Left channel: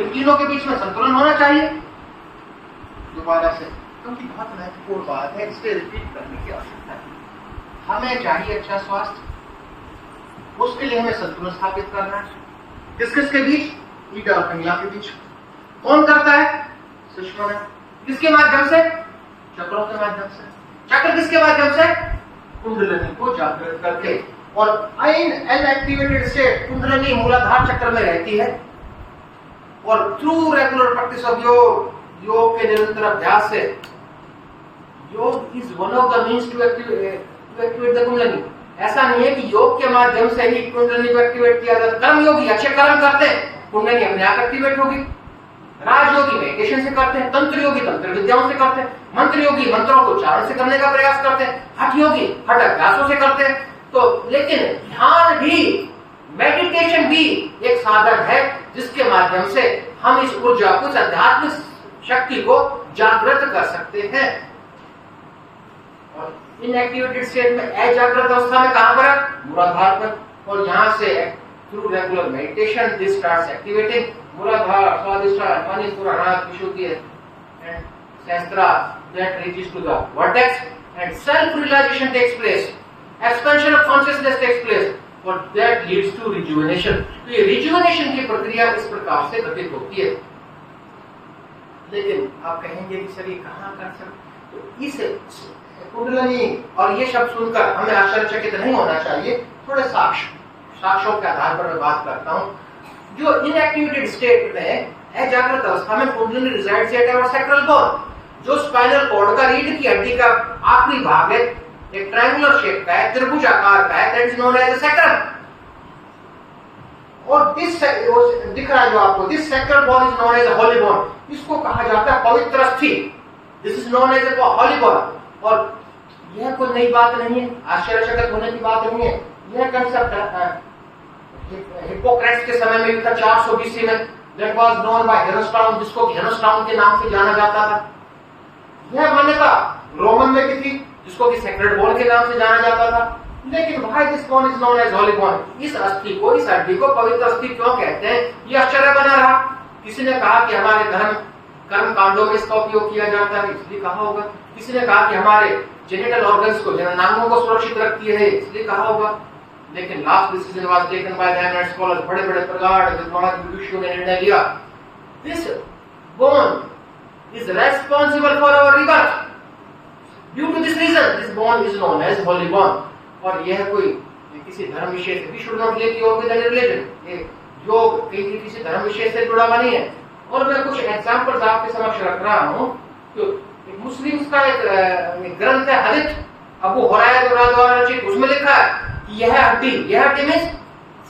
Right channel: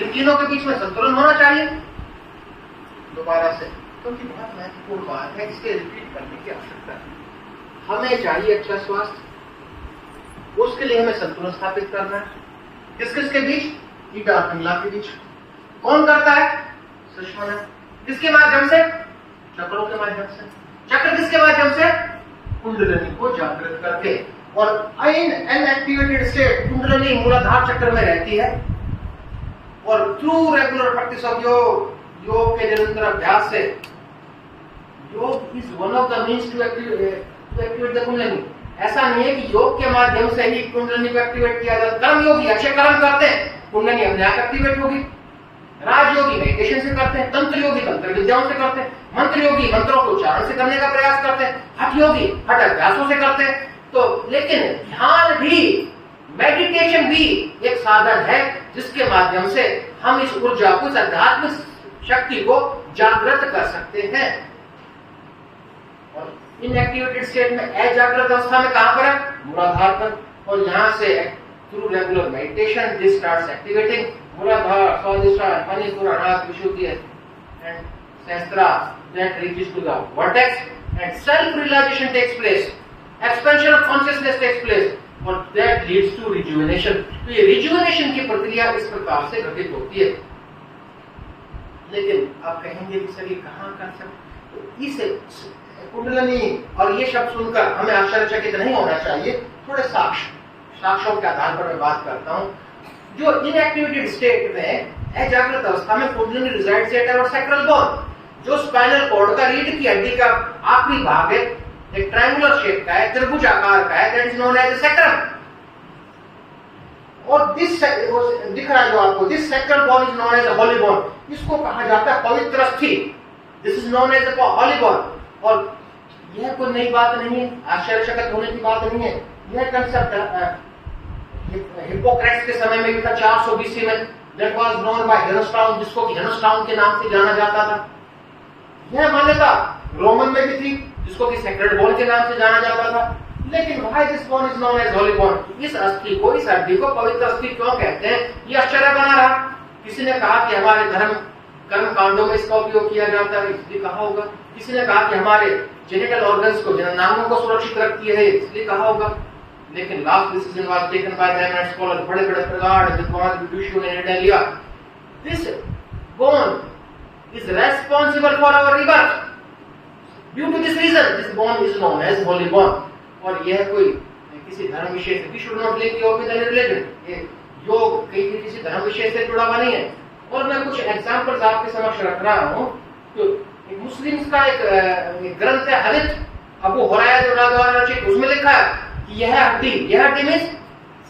इन तीनों के बीच में संतुलन होना चाहिए। दोबारा से, क्योंकि बहुत महत्वपूर्ण बात है, इसके रिपीट करने की आवश्यकता है। हमें चाहिए अच्छा स्वास्थ्य, उसके लिए हमें संतुलन स्थापित करना है। किस किस के बीच? ईटा और पिंगला के बीच। कौन करता है? सुषमा ने। किसके माध्यम से? चक्रों के माध्यम से। चक्र किसके माध्यम से? कुंडलिनी को जागृत करके। और इन अनएक्टिवेटेड स्टेट कुंडलिनी मूलाधार चक्र में रहती है, और थ्रू रेगुलर प्रैक्टिस ऑफ योग के निरंतर अभ्यास से, yoga is one of the means to activate the kundalini. ऐसा नहीं है कि योग के माध्यम से ही कुंडलिनी को एक्टिवेट किया जाता। कर्म योगी अच्छे कर्म करते हैं, कुंडलिनी अपने आप एक्टिवेट होगी। राजयोगी मेडिटेशन से करते हैं, तंत्र योगी तंत्र विद्याओं से करते हैं, मंत्र योगी मंत्रों को उच्चारण से करने का प्रयास करते हैं, हठ योगी हठ अभ्यासों से करते हैं। तो लेकिन ध्यान भी, मेडिटेशन भी एक साधन है जिसके माध्यम से हम इस ऊर्जा को, इस आध्यात्मिक शक्ति को जागृत कर सकते हैं। और इनएक्टिवेटेड स्टेट में, अजागृत अवस्था में कहां पर है? मूलाधार पर। और यहां से through regular meditation this starts activating Muladhara, Swadhisthana, Manipura, Anahata, Vishuddhi and Sahasrara that reaches to the vertex and self realization takes place, expansion of consciousness takes place, और that leads to rejuvenation। तो ये rejuvenation की प्रक्रिया इस प्रकार से घटित होती है। लेकिन आप कहेंगे कि सर ये कहाँ कर सकते? तो इस कुंडलिनी और ये शब्द सुनकर हमें आश्चर्यचकित नहीं होना चाहिए। थोड़े साक्ष्यों के आधार पर मैं बात करता हूँ। जो इनएक्टिवेटेड स्टेट में, अजागृत अवस्था में, kundalini resides at our sacral bone. जो स्पाइनल कॉर्ड का, रीढ़ की हड्डी का आखिरी भाग है, एक ट्रायंगुलर शेप का है, त्रिभुज आकार का है, that is known as a sacrum. और दिख रहा है जो आपको, this sacral bone is known as a holy bone. इसको कहा जाता है पवित्र अस्थि। This is known as a holy bone. और यह कोई नई बात नहीं है, आश्चर्यचकित होने की बात नहीं है। यह कंसेप्ट हिप्पोक्रेट्स के समय में था, 400 BC में, दैट वाज नोन बाय हेरोस्ट्राटस, जिसको हेरोस्ट्राटस के नाम से जाना जाता था। यह मान्यता रोमन में भी थी, जिसको कि सेक्रेड बोन के नाम से जाना जाता था। लेकिन why this bone is known as holy bone? इस अस्थि को, इस हड्डी को पवित्र अस्थि क्यों कहते हैं? ये आश्चर्य बना रहा। किसी ने कहा कि हमारे धर्म कर्म कांडों में इसका उपयोग किया जाता है, इसलिए कहा होगा। किसी ने कहा कि हमारे जेनिटल ऑर्गन्स को, जननांगों को सुरक्षित रखती है, इसलिए कहा होगा। लेकिन last decision was taken by the eminent scholar, बड़े बड़े प्रगाढ़ विद्वान विदुषियों ने निर्णय लिया, this bone is responsible for our rebirth. Due to this reason, this bone is known as holy bone. और यह कोई किसी धर्म विशेष, we should not link yoga with any religion. ये योग किसी धर्म विशेष से जुड़ा हुआ नहीं है। और मैं कुछ एग्जांपल्स आपके समक्ष रख रहा हूँ। तो मुस्लिम्स का एक ग्रंथ है हदीथ, अबू हुरैरा द्वारा रचित, उसमें लिखा है कि यह हड्डी मींस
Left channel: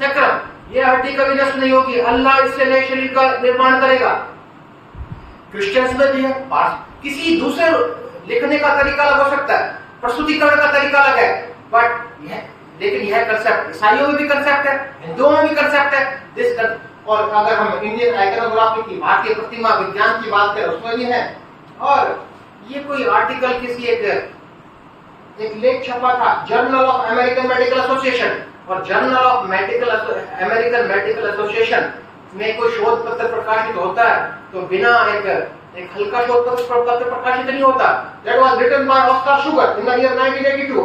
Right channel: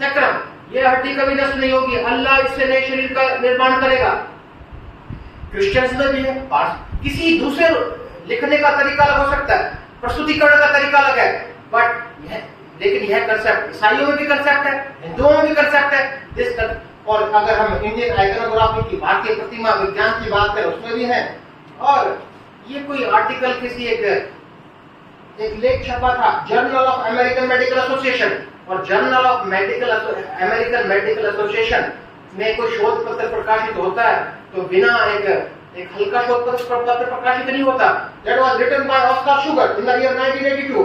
सैक्रम, यह हड्डी कभी नष्ट नहीं होगी, अल्लाह इससे नए शरीर का निर्माण करेगा। क्रिश्चियंस में भी है। किसी दूसरे लिखने का तरीका अलग हो सकता है, प्रस्तुतिकरण का तरीका अलग है, बट लेकिन यह कंसेप्ट ईसाइयों में भी कंसेप्ट है, हिंदुओं में भी कंसेप्ट है। और अगर हम इंडियन आइकनोग्राफी की, भारतीय प्रतिमा विज्ञान की बात करें, उसमें भी है। और ये कोई आर्टिकल किसी एक लेख छपा था Journal of American Medical Association, और Journal of American Medical Association में कोई शोध पत्र प्रकाशित होता है तो बिना एक हल्का शोध पत्र प्रकाशित नहीं होता। That was written by Oscar Sugar in the year 1982,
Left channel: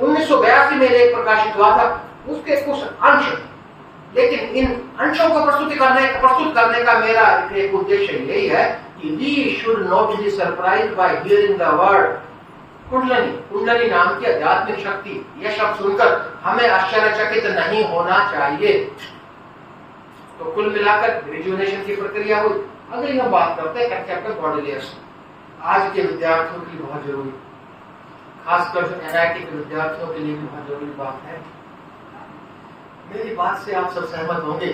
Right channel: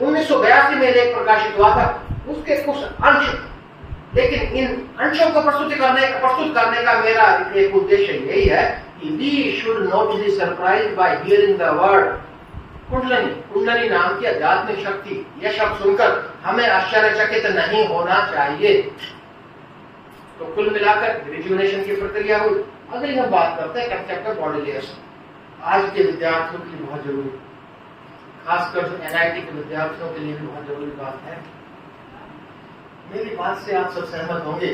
1982 में एक प्रकाशित हुआ था। उसके कुछ अंश, लेकिन इन अंशों को प्रस्तुत करने का मेरा एक उद्देश्य यही है कि we should not be surprised by hearing the word kundalini नाम की आध्यात्मिक शक्ति। यह शब्द सुनकर हमें आश्चर्यचकित नहीं होना चाहिए। तो कुल मिलाकर रिजुवेनेशन की प्रक्रिया हुई। अगर हम बात करते हैं कंसेप्ट ऑफ बॉडी लेयर्स, आज के विद्यार्थियों की बहुत जरूरी, खासकर जो एनआईटी के विद्यार्थियों के लिए भी बहुत जरूरी बात है। मेरी बात से आप सब सहमत होंगे।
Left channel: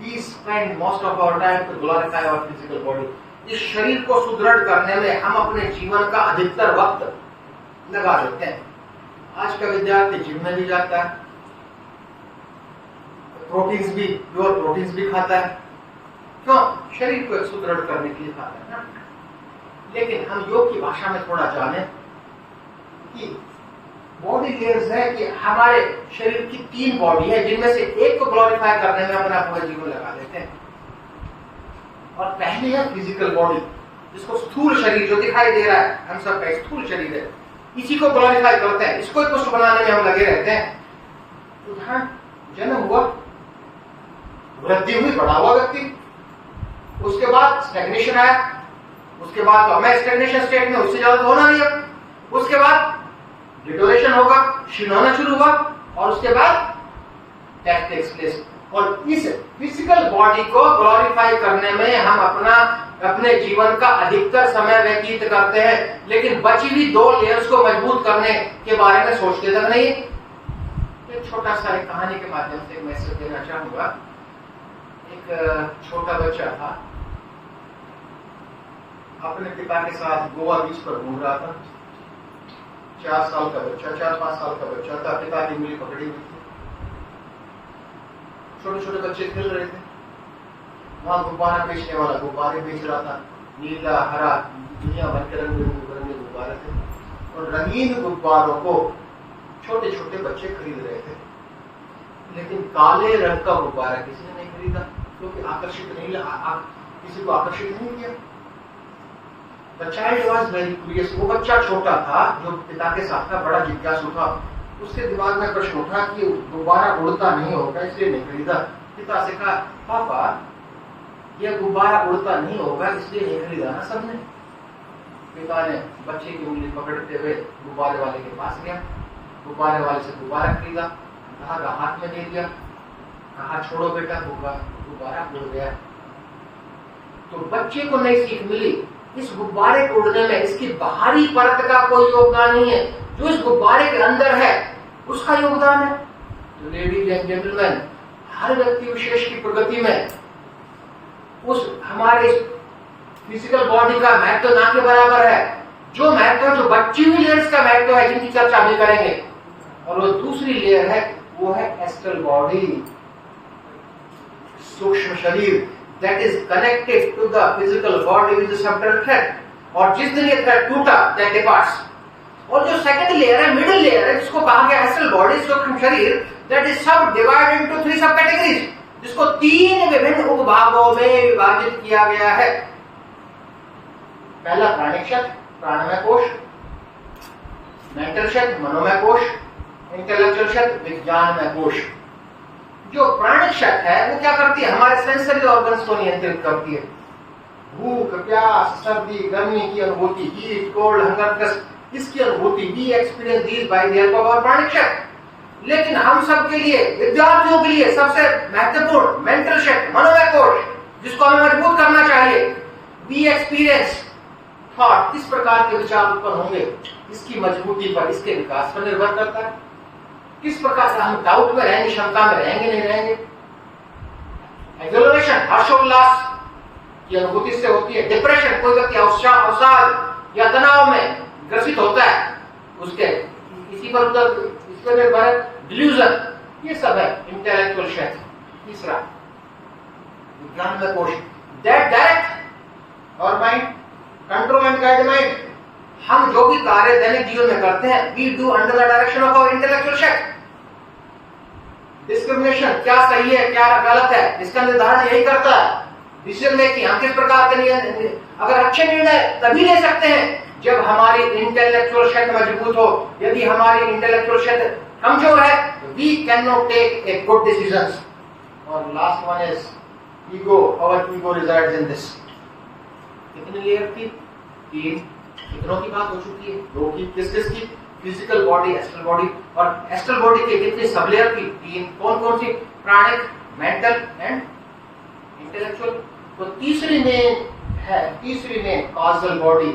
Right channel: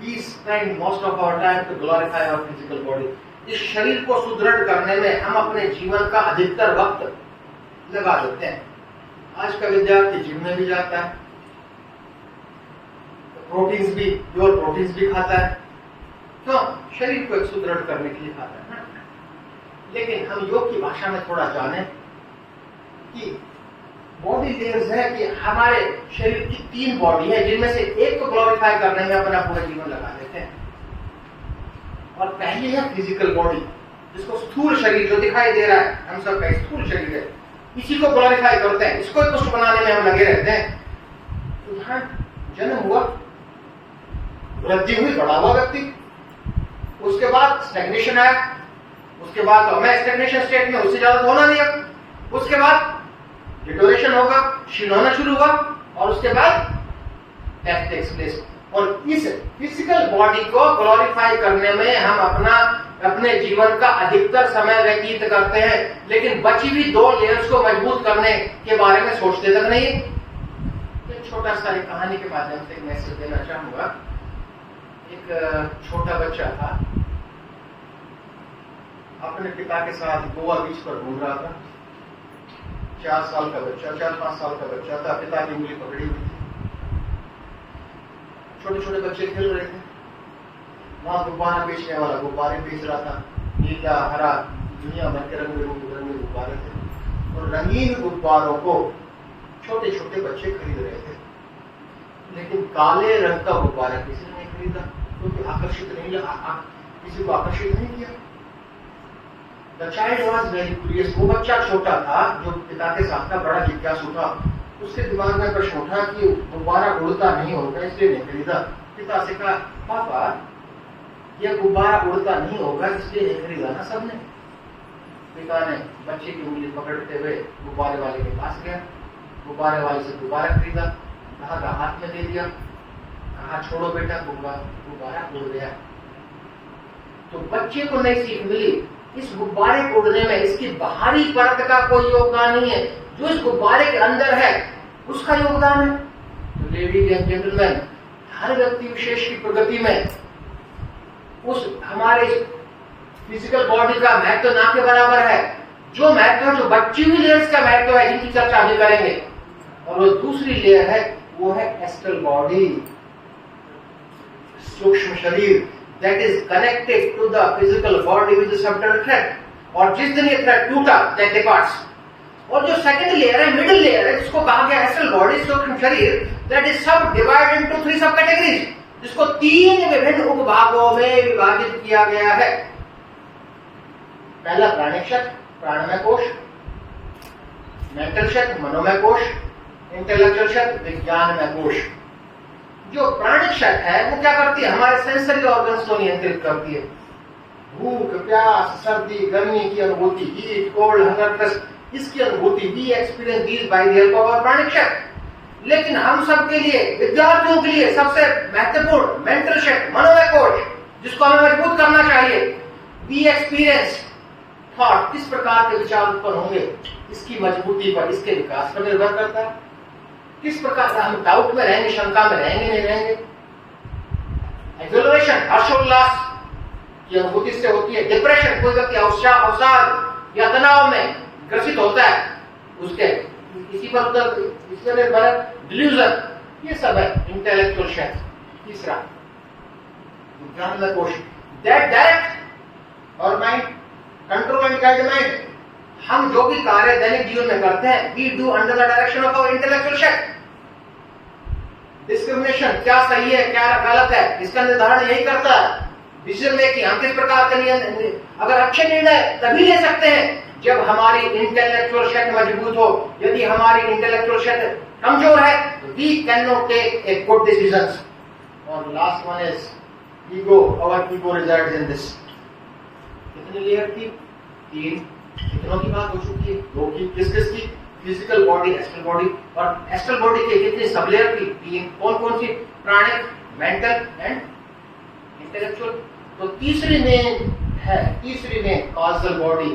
We spend most of our time to glorify our physical body. इस शरीर को सुदृढ़ करने में हम अपने जीवन का अधिकतर वक्त लगा देते हैं। आज का विद्यार्थी जिम में भी जाता है, प्रोटीन्स भी, प्योर प्रोटीन्स भी खाता है, तो शरीर को सुदृढ़ करने के लिए खाता है ना। लेकिन हम योग की भाषा में थोड़ा जाने कि बॉडी लेयर्स है कि हमारे शरीर की 3 बॉडी है, जिनमें से एक को ग्लोरीफाई करने में अपना पूरा जीवन लगा देते हैं। और पहली है फिजिकल बॉडी, जिसको स्थूल शरीर जो दिखाई दे रहा है, हम सब का स्थूल शरीर है, इसी को ग्लोरीफाई करते हैं, इसको पुष्ट बनाने में हम लगे रहते हैं। उदाहरण, जन्म हुआ, वृद्धि हुई, बड़ा हुआ व्यक्ति, उसके बाद स्टैग्नेशन आया, उसके बाद तो मैं स्टैग्नेशन स्टेट में, उससे ज्यादा तो होना नहीं है, उसके बाद डिटोरेशन होगा, क्षीण होना शुरू हुआ, और उसके बाद डेथ टेक्स प्लेस। और इस फिजिकल बॉडी को ग्लोरीफाई करने में हम अपने जीवन का अधिकतर समय व्यतीत करते हैं, लेकिन बची हुई 2 लेयर्स को मजबूत करने के बारे में सोचते तक नहीं। एक छोटा सा एक कहानी के माध्यम से एक मैसेज देना चाहूंगा। एक छोटा बच्चा था, अपने पिता के साथ गोवा बीच पर घूम रहा था। 4 साल का बच्चा, 4-5 साल का बच्चा था, पिता की उंगली पकड़ी हुई थी। छोटे छोटे बच्चे खेल रहे थे, वहां गुब्बारा बेचने वाला गुब्बारे बेच रहा था, नीला हरा दुनिया भर के रंग बिरंगे गुब्बारे थे, और रंगीन गुब्बारों को छोटे छोटे बच्चे खरीद रहे थे। लेकिन काले रंग का गुब्बारा किसी ने नहीं खरीदा, क्योंकि आकर्षित नहीं किसी को आकर्षित नहीं किया। The child was very curious। वो बच्चा छोटा था जो पिता के साथ था, बड़ा जिज्ञासु था। उसके दिमाग में प्रश्न उठा कि गुब्बारा उड़ता नहीं होगा, इसलिए नहीं खरीदा। पिता से कहा, पापा ये गुब्बारा उड़ता नहीं होगा इसलिए नहीं खरीदा ना सबने। पिता ने बच्चे की उंगली पकड़ते हुए गुब्बारे वाले के पास गया, गुब्बारे वाले से गुब्बारा खरीदा, कहा हाथ में दे दिया, कहा छोड़ो बेटा, गुब्बारा उड़ गया। तो बच्चे को नई सीख मिली, इस गुब्बारे को उड़ने में इसकी बाहरी परत का कोई योगदान नहीं है, जो इस गुब्बारे के अंदर है उसका योगदान है। तो लेडीज एंड जेंटलमैन, हर व्यक्ति विशेष की प्रगति में उस हमारे फिजिकल बॉडी का महत्व ना के बराबर है। जो महत्व, जो बच्ची हुई लेयर्स का महत्व है, जिनकी चर्चा हम करेंगे, और वो दूसरी लेयर है, वो है एस्ट्रल बॉडी, सूक्ष्म शरीर, that is connected to the physical body with the subtle thread। और जिस दिन ये थ्रेड टूटा, that departs। और जो सेकंड लेयर है, मिडिल लेयर है, जिसको कहा गया एस्ट्रल बॉडी, सूक्ष्म शरीर, that is सब डिवाइड इनटू 3 सब कैटेगरीज, जिसको 3 विभिन्न उपभागों में विभाजित किया गया है। पहला प्राणिक शक्ति, प्राणमय कोश, मेंटल शक्ति, मनोमय कोश, इंटेलेक्चुअल शक्ति, विज्ञानमय कोश। जो प्राणिक शक्ति है वो क्या करती है, हमारे सेंसरी ऑर्गन्स को नियंत्रित करती है। भूख, प्यास, सर्दी, गर्मी की अनुभूति, हीट, कोल्ड, हंगर, थर्स्ट, इसकी अनुभूति भी experience the by the help of our pranic shakti. लेकिन हम सब के लिए, विद्यार्थियों के लिए सबसे महत्वपूर्ण मेंटल शक्ति, मनोमय कोश, जिसको हमें मजबूत करना चाहिए, वी एक्सपीरियंस थॉट, किस प्रकार के विचार उत्पन्न होंगे, इसकी मजबूती पर, इसके विकास पर निर्भर करता है। किस प्रकार से हम डाउट में रहेंगे, शंका में रहेंगे, नहीं रहेंगे। एक्सोलरेशन, हर्षोल्लास की अनुभूति से होती है। डिप्रेशन, कोई व्यक्ति अवसाद या तनाव में ग्रसित होता है, उसके इसी पर निर्भर है। डिल्यूजन, ये सब है इंटेलेक्चुअल शक्ति। तीसरा विज्ञानमय कोश, that direct our mind, control and guide mind. हम जो भी कार्य दैनिक जीवन में करते हैं, we do under the direction of our intellectual shakti. Discrimination, क्या सही है क्या गलत है, इसका निर्धारण यही करता है। डिसीजन मेकिंग, हम किस प्रकार के अगर अच्छे निर्णय तभी ले सकते हैं जब हमारी इंटेलेक्चुअल शक्ति मजबूत हो। यदि हमारी इंटेलेक्चुअल शक्ति कमजोर है, we can not take a good decisions. और last one is ego, our ego resides in this. कितनी लेयर थी? 3। कितनों की बात हो चुकी है? 2 की। किस की? Physical body, astral body. और एस्ट्रल बॉडी की कितनी सब लेयर थी? 3। कौन कौन सी? प्राणिक, मेंटल एंड इंटेलेक्चुअल। तो तीसरी में कॉजल बॉडी,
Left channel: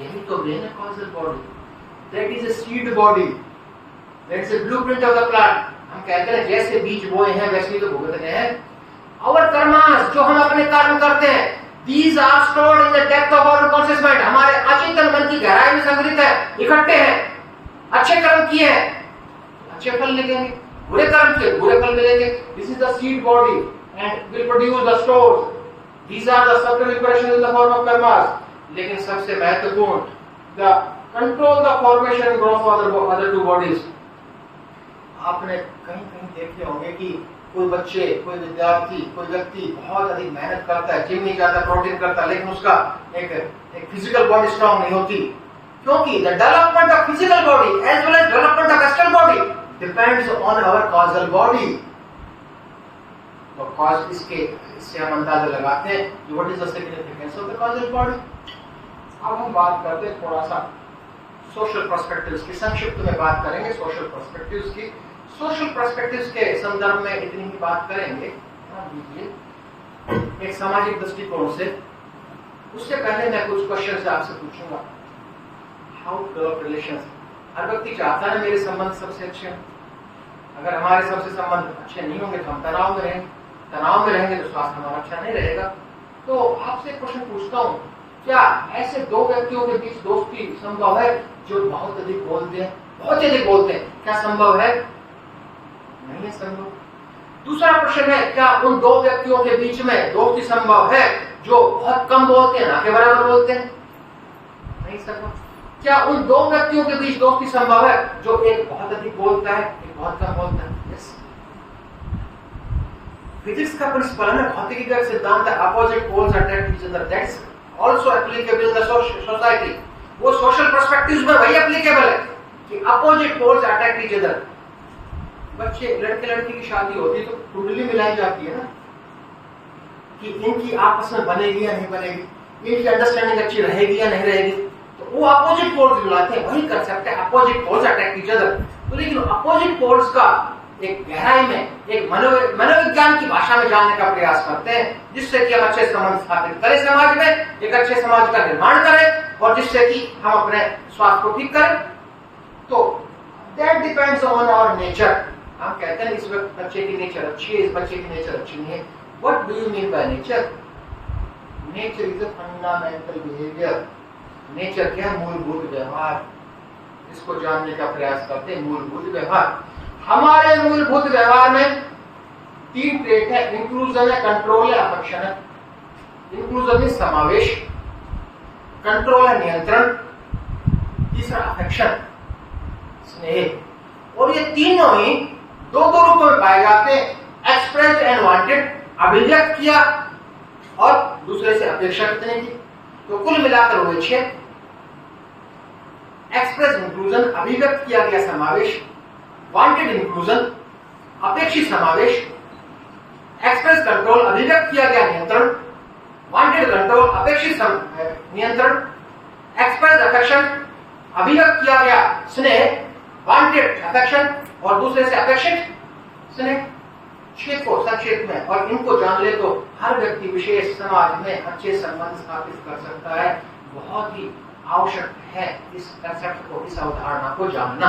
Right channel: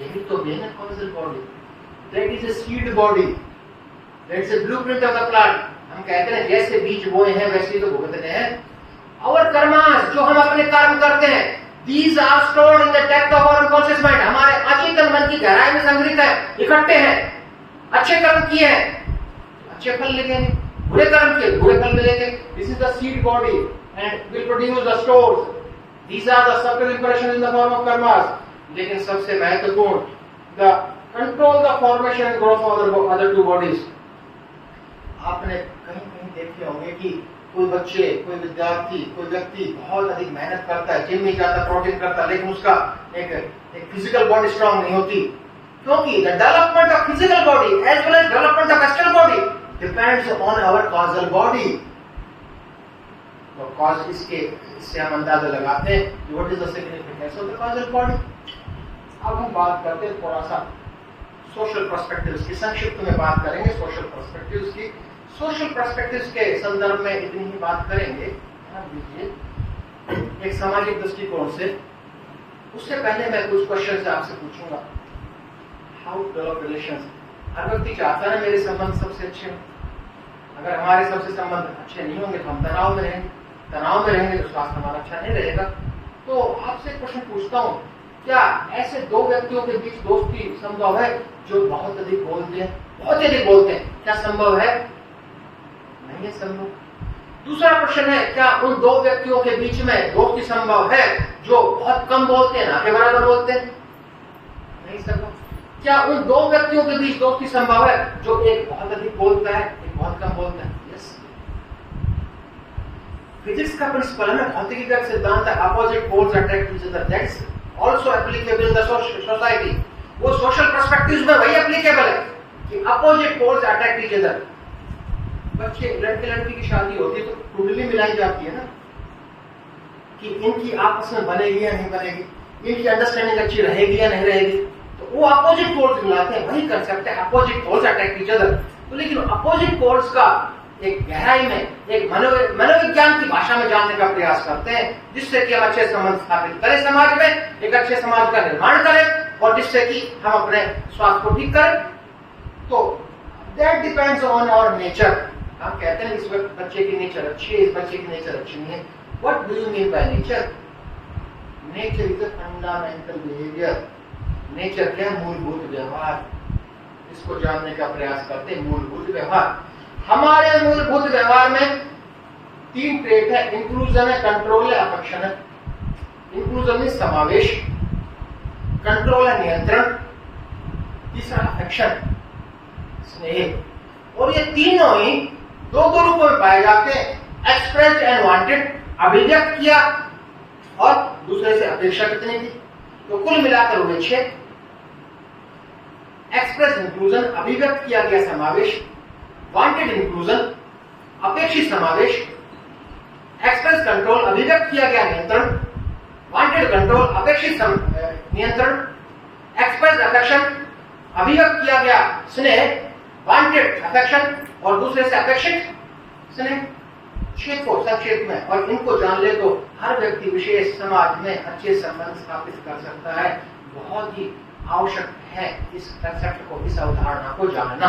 यही तो मेन है causal body. That is a seed body, that is a blueprint of the plant. हम कहते हैं जैसे बीज बोए हैं वैसे ही तो भुगतने हैं। और कर्मास, जो हम अपने कर्म करते हैं, these are stored in the depth of our unconscious mind। हमारे अचेतन मन की गहराई में संग्रहित है, इकट्ठे हैं। अच्छे कर्म किए हैं, अच्छे फल मिलेंगे, बुरे कर्म किए, बुरे फल मिलेंगे। This is the seed body and will produce the stores। These are the subtle impressions in the form of karmas। लेकिन सबसे महत्वपूर्ण, the control the formation and growth of other 2 bodies। आपने कहीं देखे होंगे कि कोई बच्चे, कोई विद्यार्थी, कोई व्यक्ति बहुत अधिक मेहनत करता है, जिम नहीं जाता, प्रोटीन करता है, लेकिन उसका एक फिजिकल बॉडी स्ट्रांग नहीं होती, क्योंकि the development of physical body as well as development of astral body depends on our causal body. तो कॉज इससे हम अंदाजा लगाते हैं what is the significance of the causal body. अब हम बात करते हैं थोड़ा सा सोशल पर्सपेक्टिव्स की, संक्षिप्त में बात करेंगे सोशल पर्सपेक्टिव्स की। सोशल पर्सपेक्टिव्स के संदर्भ में इतनी ही बात करेंगे। ध्यान दीजिए एक सामाजिक दृष्टिकोण से। उससे पहले मैं कुछ क्वेश्चन से आपसे पूछूंगा। How to develop relations. हर व्यक्ति चाहता है मेरे संबंध सबसे अच्छे हों। अगर हमारे सबसे संबंध अच्छे नहीं होंगे तो हम तनाव में रहेंगे, तनाव में रहेंगे तो स्वास्थ्य हमारा अच्छा नहीं रहेगा। तो आपसे क्वेश्चन पूछता हूँ, क्या ऐसे दो व्यक्तियों के बीच दोस्ती संभव है जो बहुत अधिक बोलते हैं, बहुत अधिक बोलते हैं? क्या संभव है? नहीं है संभव। दूसरा प्रश्न है, क्या उन दो व्यक्तियों के बीच में दोस्ती संभव है जो बहुत कम बोलते हैं, ना के बराबर बोलते हैं? नहीं संभव। क्या उन दो व्यक्तियों के बीच दोस्ती संभव है जो एक बहुत अधिक बोलता है, एक बहुत कम बोलता है? यस। फिजिक्स का प्रिंसिपल है ना, भौतिकी का सिद्धांत है, opposite poles attract each other. That's also applicable in the society. वो सोशल पर्सपेक्टिव्स में वही एप्लीकेबल है कि opposite poles attract each other. बच्चे, लड़के लड़की की शादी होती है तो कुंडली मिलाई जाती है ना कि इनकी आपस में बनेगी या नहीं बनेगी, इनकी अंडरस्टैंडिंग अच्छी रहेगी या नहीं रहेगी। तो वो अपोजिट पोल्स मिलाते हैं, वही कंसेप्ट है, opposite poles attract each other. तो लेकिन अपोजिट पोल्स का एक गहराई में, एक मनोविज्ञान की भाषा में जानने का प्रयास करते हैं, जिससे कि हम अच्छे संबंध स्थापित करें समाज में, एक अच्छे समाज का निर्माण करें और जिससे कि हम अपने स्वास्थ्य को ठीक करें। तो that depends on our nature. हम कहते हैं इस बच्चे की नेचर अच्छी है, इस बच्चे की नेचर अच्छी नहीं है। What do you mean by nature? Nature is a fundamental behaviour. Nature क्या है? मूलभूत व्यवहार। इसको जानने का प्रयास करते हैं, मूलभूत व्यवहार। हमारे मूलभूत व्यवहार में तीन ट्रेट है, इंक्लूजन है, कंट्रोल है, अफेक्शन है। इंक्लूजन में समावेश, कंट्रोल है नियंत्रण, तीसरा अफेक्शन स्नेह। और ये तीनों ही दो रूपों में पाए जाते हैं, एक्सप्रेस्ड एंड वांटेड, अभिव्यक्त किया और दूसरे से अपेक्षा कितने की। तो कुल मिलाकर हुए 6। एक्सप्रेस इंक्लूजन, अभिव्यक्त किया गया समावेश, वांटेड इंक्लूजन, अपेक्षित समावेश, एक्सप्रेस कंट्रोल, अभिव्यक्त किया गया नियंत्रण, वांटेड कंट्रोल, अपेक्षित नियंत्रण, एक्सप्रेस अफेक्शन, अभिव्यक्त किया गया स्नेह, वांटेड अफेक्शन और दूसरे से अपेक्षित स्नेह। 6 को संक्षेप में, और इनको जान ले तो हर व्यक्ति विशेष समाज में अच्छे संबंध स्थापित कर सकता है। बहुत ही आवश्यक है इस कंसेप्ट को, इस अवधारणा को जानना।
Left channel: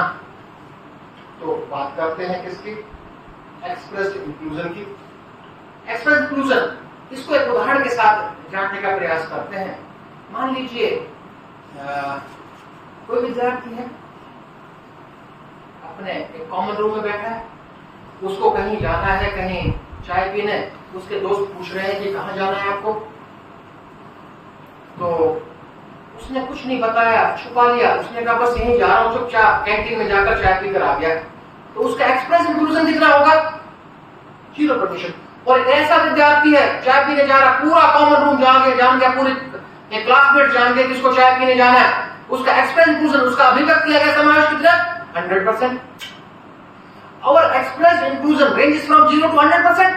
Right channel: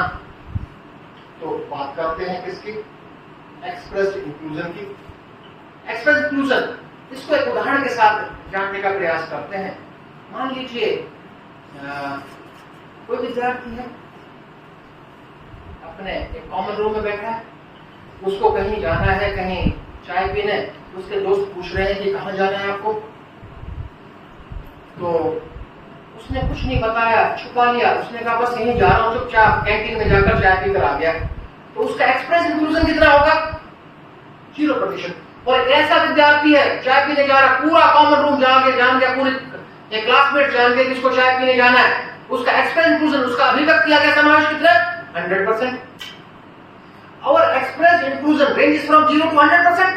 तो बात करते हैं किसकी? एक्सप्रेस्ड इंक्लूजन की। एक्सप्रेस्ड इंक्लूजन, इसको एक उदाहरण के साथ जानने का प्रयास करते हैं। मान लीजिए कोई विद्यार्थी है, अपने एक कॉमन रूम में बैठा है, उसको कहीं जाना है, कहीं चाय पीने। उसके दोस्त पूछ रहे हैं कि कहाँ जाना है आपको, तो उसने कुछ नहीं बताया, छुपा लिया। उसने कहा बस यहीं जा रहा हूं, चुपचाप कैंटीन में जाकर चाय पीकर आ गया। तो उसका एक्सप्रेस इंक्लूजन कितना होगा? 0%। और ऐसा विद्यार्थी है, चाय पीने जा रहा, पूरा कॉमन रूम जान गया, पूरे क्लासमेट जान गए किसको चाय पीने जाना है। उसका एक्सप्रेस इंक्लूजन, उसका अभिव्यक्त किया गया समावेश कितना? 100%। और express inclusion range from 0 to 100%।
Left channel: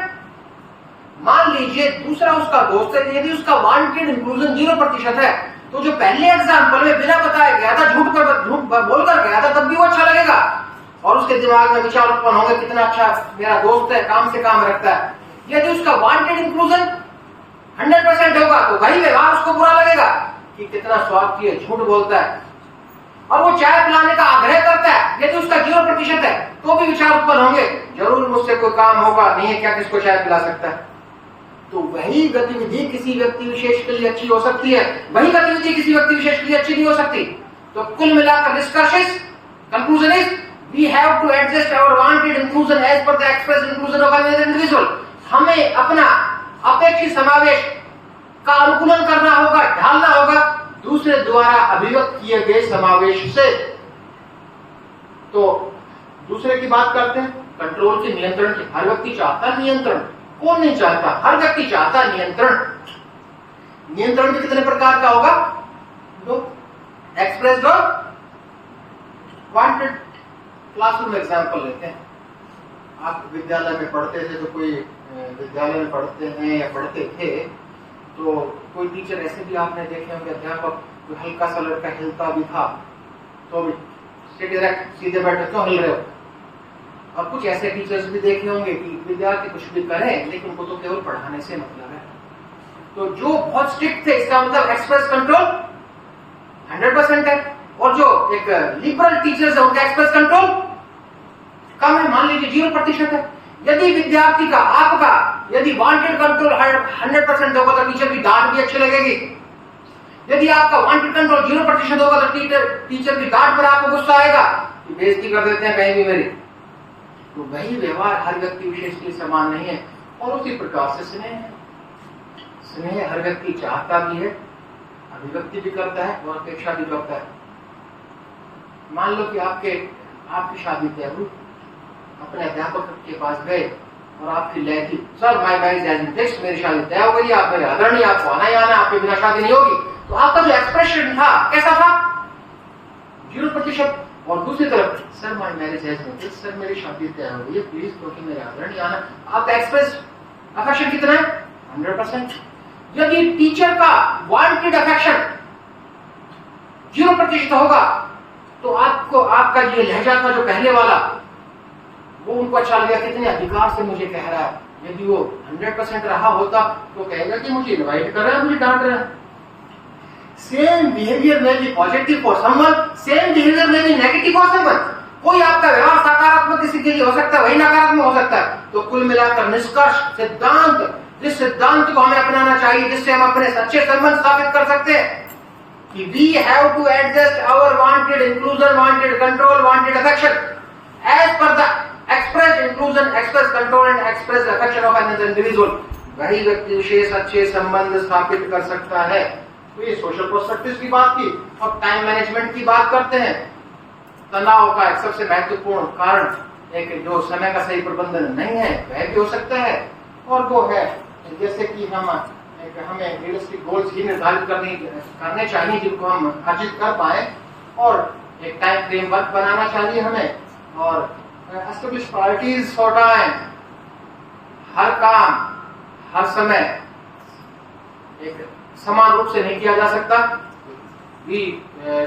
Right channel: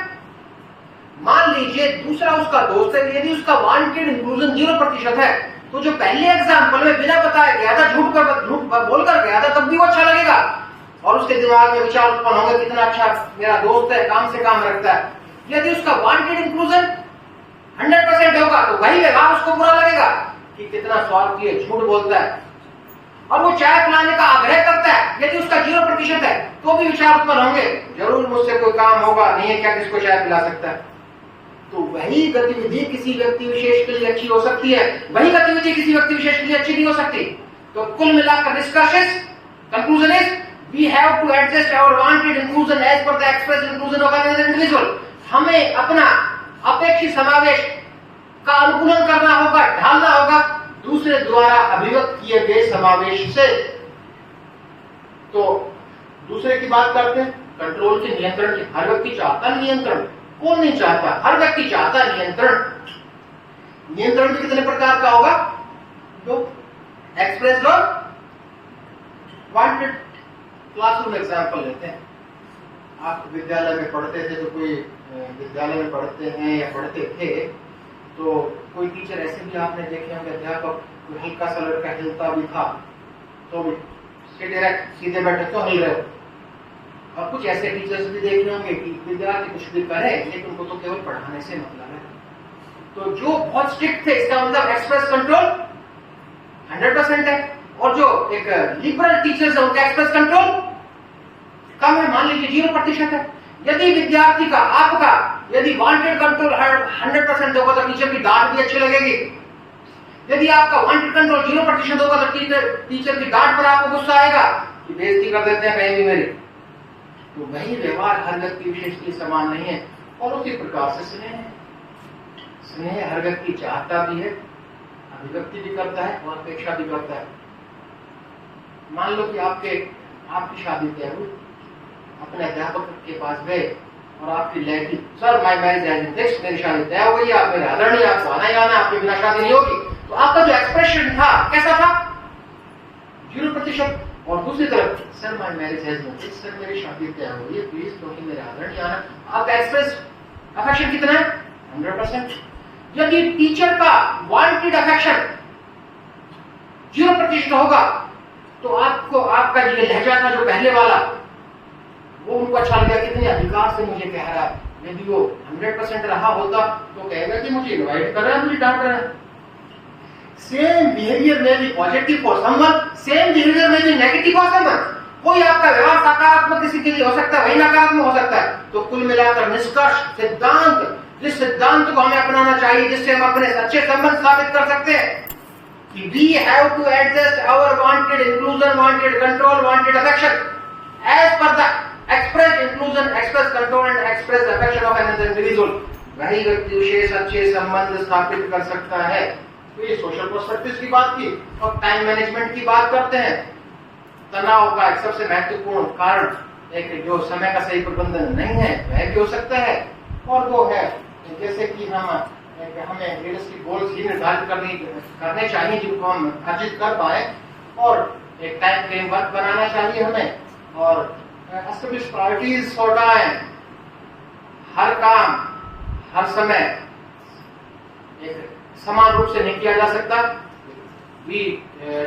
मान लीजिए दूसरा उसका दोस्त है, यदि उसका वांटेड इंक्लूजन 0% है, तो जो पहले एग्जाम्पल में बिना बताया गया था, झूठ बोलकर गया था, तब भी वो अच्छा लगेगा और उसके दिमाग में विचार उत्पन्न होंगे कितना अच्छा मेरा दोस्त है, काम से काम रखता है। यदि उसका वांटेड इंक्लूजन 100% होगा तो वही व्यवहार उसको बुरा लगेगा कि कितना स्वार्थी है, झूठ बोलता है, और वो चाय पिलाने का आग्रह करता है। यदि उसका 0% है तो भी विचार उत्पन्न होंगे, जरूर मुझसे कोई काम होगा, नहीं है क्या किसको चाय पिला सकता है। तो वही गतिविधि किसी व्यक्ति विशेष के लिए अच्छी हो सकती है, वही गतिविधि किसी व्यक्ति विशेष के लिए अच्छी नहीं हो सकती। तो कुल मिलाकर निष्कर्ष, conclusion is we have to adjust our wanted inclusion as per the express inclusion of an individual. हमें अपना अपेक्षित समावेश का अनुकूलन करना होगा, ढालना होगा दूसरे द्वारा अभिव्यक्त किए गए समावेश से। तो दूसरे की बात करते हैं, कंट्रोल के, नियंत्रण के। हर व्यक्ति चाहता नियंत्रण, कौन नहीं चाहता? हर व्यक्ति चाहता नियंत्रण। नियंत्रण भी कितने प्रकार का होगा? दो, एक्सप्रेस्ड और वांटेड। क्लासरूम एग्जाम्पल लेते हैं। आप विद्यालय में पढ़ते थे, तो कोई विद्यालय में पढ़ते हैं या पढ़ते थे, तो कोई टीचर ऐसे भी आपने देखे होंगे, अध्यापक हल्का सा लड़का हिलता भी था तो भी सीधे बैठे तो हिल रहे हो। और कुछ ऐसे टीचर्स भी देखे होंगे कि विद्यार्थी कुछ भी करें लेकिन उनको तो केवल पढ़ाने से मतलब है। तो जो बहुत स्ट्रिक्ट थे, इसका मतलब एक्सप्रेस कंट्रोल 100% है, और जो एक लिबरल टीचर्स है उनका एक्सप्रेस कंट्रोल कम है, मान लीजिए 0% है। यदि विद्यार्थी का, आपका यदि वांटेड कंट्रोल 100% होगा तो टीचर की डांट भी अच्छी लगेगी। यदि आपका वांटेड कंट्रोल 0% होगा तो टीचर की डांट पर आपको गुस्सा आएगा कि बेइज्जती कर देते हैं कहीं भी मेरी। तो वही व्यवहार हर व्यक्ति विशेष के समान नहीं है। और उसी प्रकार से स्नेह है। स्नेह हर व्यक्ति चाहता भी है, अभिव्यक्ति भी करता है और अपेक्षा भी करता है। मान लो कि आपकी शादी तय हुई, अपने अध्यापक के पास गए और आपकी लय थी, sir my marriage has been fixed, मेरी शादी तय हो गई, आप मेरे आदरणीय, आपको आना ही आना, आपके बिना शादी नहीं होगी। तो आपका जो एक्सप्रेशन था कैसा था? 0%। और दूसरी तरफ, sir my marriage has been fixed, sir मेरी शादी तय हो गई है, प्लीज क्योंकि मेरे आदरणीय आना। आपका एक्सप्रेस अफेक्शन कितना है? 100%। यदि टीचर का वांटेड अफेक्शन 0% होगा तो आपको, आपका ये लहजा था जो पहले वाला, वो उनको अच्छा लगा, कितने अधिकार से मुझे कह रहा है। यदि वो 100% रहा होता तो कहेगा कि मुझे इनवाइट कर रहा है, मुझे डांट रहा है। सेम बिहेवियर में भी positive for someone, same behaviour में भी नेगेटिव फॉर समवन। कोई आपका व्यवहार सकारात्मक किसी के लिए हो सकता है, वही नकारात्मक हो सकता है। तो कुल मिलाकर निष्कर्ष, सिद्धांत, जिस सिद्धांत को हमें अपनाना चाहिए, जिससे हम अपने सच्चे संबंध स्थापित कर सकते हैं कि we have to adjust our wanted inclusion, wanted control, wanted affection as per the express inclusion, express control and express affection of another individual। वही व्यक्ति विशेष अच्छे संबंध स्थापित कर सकता है। तो ये सोशल पर्सपेक्टिव की बात की। और टाइम मैनेजमेंट की बात करते हैं। तनाव का एक सबसे महत्वपूर्ण कारण एक जो समय का सही प्रबंधन नहीं है वह भी हो सकता है, और वो है जैसे कि हमें रियलिस्टिक गोल्स ही निर्धारित करने चाहिए जिनको हम अर्जित कर पाए, और एक टाइम फ्रेमवर्क बनाना चाहिए हमें, और एस्टैब्लिश प्रायोरिटीज फॉर टाइम। हर काम हर समय एक समान रूप से नहीं किया जा सकता। We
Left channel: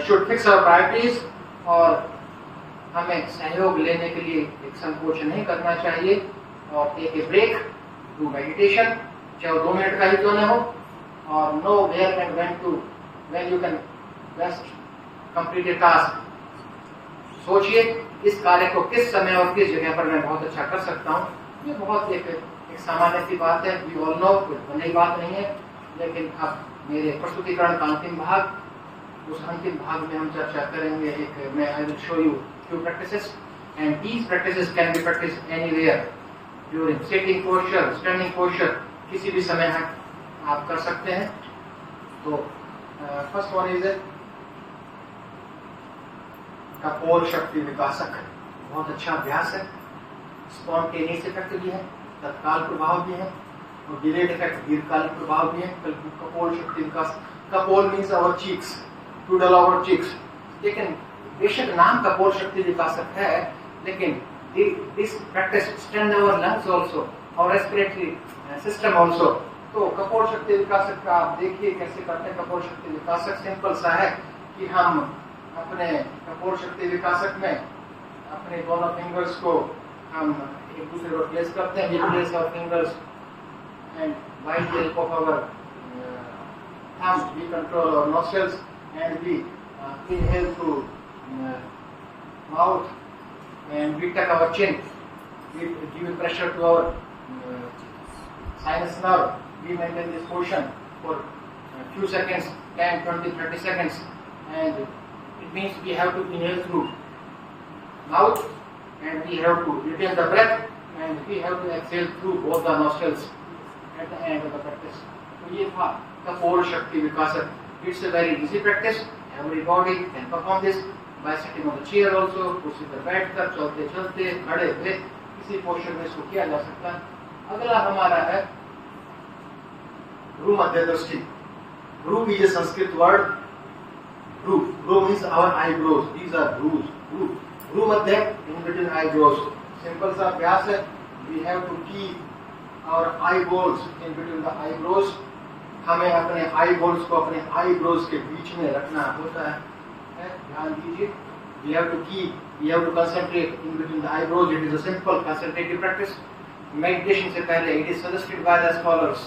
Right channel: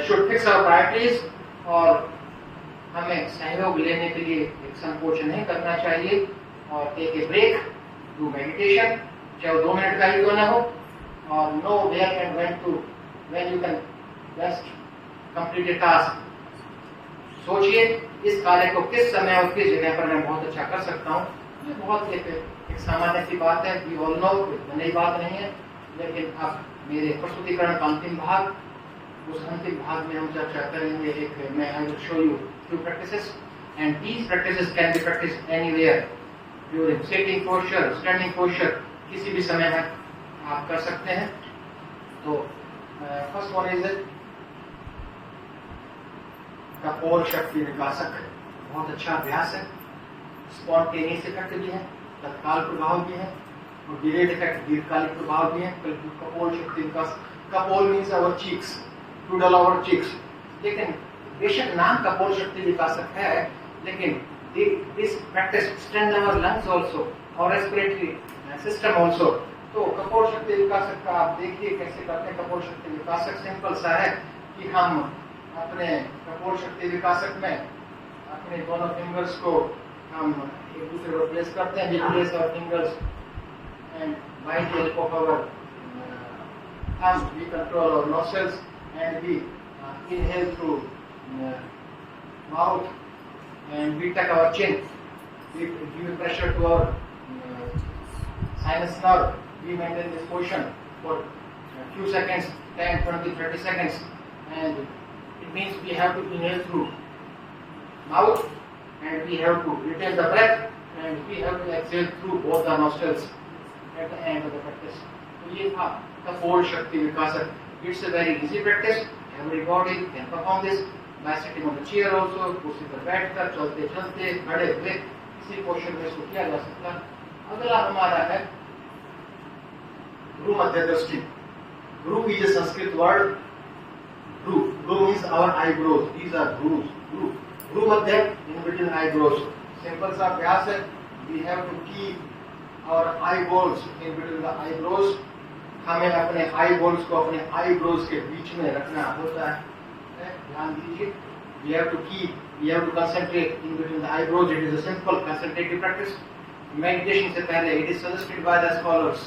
should fix our priorities, और हमें सहयोग लेने के लिए एक संकोच नहीं करना चाहिए, और take a break, do meditation, चाहे वो 2 मिनट का ही क्यों न हो, और know where and when you can best complete a task. सोचिए इस कार्य को किस समय और किस जगह पर मैं बहुत अच्छा कर सकता हूँ। ये बहुत एक सामान्य सी बात है, वी ऑल नो, कोई नई बात नहीं है। लेकिन अब मेरे प्रस्तुतिकरण का अंतिम भाग, उस अंतिम भाग में हम चर्चा करेंगे एक, मैं I will show you few practices, and these practices can be practiced anywhere, during sitting posture, standing posture, किसी भी समय है आप कर सकते हैं। तो फर्स्ट वन इज कपोल शक्ति विकासक, बहुत अच्छा अभ्यास है, स्पॉन्टेनियस इफेक्ट भी है, तत्काल प्रभाव भी है, और डिलेड इफेक्ट दीर्घकालिक प्रभाव भी है। कपोल शक्ति विकास, कपोल मीन्स आवर चीक्स, टूडल आवर चीक्स। लेकिन बेशक नाम कपोल शक्ति विकासक है, लेकिन this practice extend our lungs also और रेस्पिरेटरी सिस्टम आल्सो। तो कपोल शक्ति विकासक का आप देखिए कैसे करते हैं। कपोल शक्ति विकासक सिंपल सा है कि हम अपने कपोल शक्ति विकासक में अपने दोनों फिंगर्स को हम एक दूसरे पर प्लेस करते हैं। We place our fingers and by the help of our thumb we control our nostrils and we inhale through mouth, and we tuck our chin, we give pressure to our sinus nerve. We maintain this position for a few seconds, 10, 20, 30 seconds, and it means we have to inhale through mouth, and we have to retain the breath, and we have to exhale through both the nostrils at the end of the practice. तो ये था कपोल शक्ति विकासक। It's a very easy practice. Everybody can perform this by sitting on the chair also, कुर्सी पर बैठकर, चलते चलते, खड़े हुए, किसी पोस्चर में इसको किया जा सकता है। अगला हमारा है भ्रू मध्य दृष्टि। Bhru is a Sanskrit word. Bhru means our eyebrows, these are भ्रूज। Bhru madhya in between eyebrows. Simple सा अभ्यास है, we have to keep our eyeballs in between the eyebrows. हमें अपने आईबॉल्स को अपने आईब्रोज के बीच में रखना होता है। ध्यान दीजिए, we have to concentrate in between the eyebrows. It is a simple concentrative practice. Meditation से पहले it is suggested by the scholars,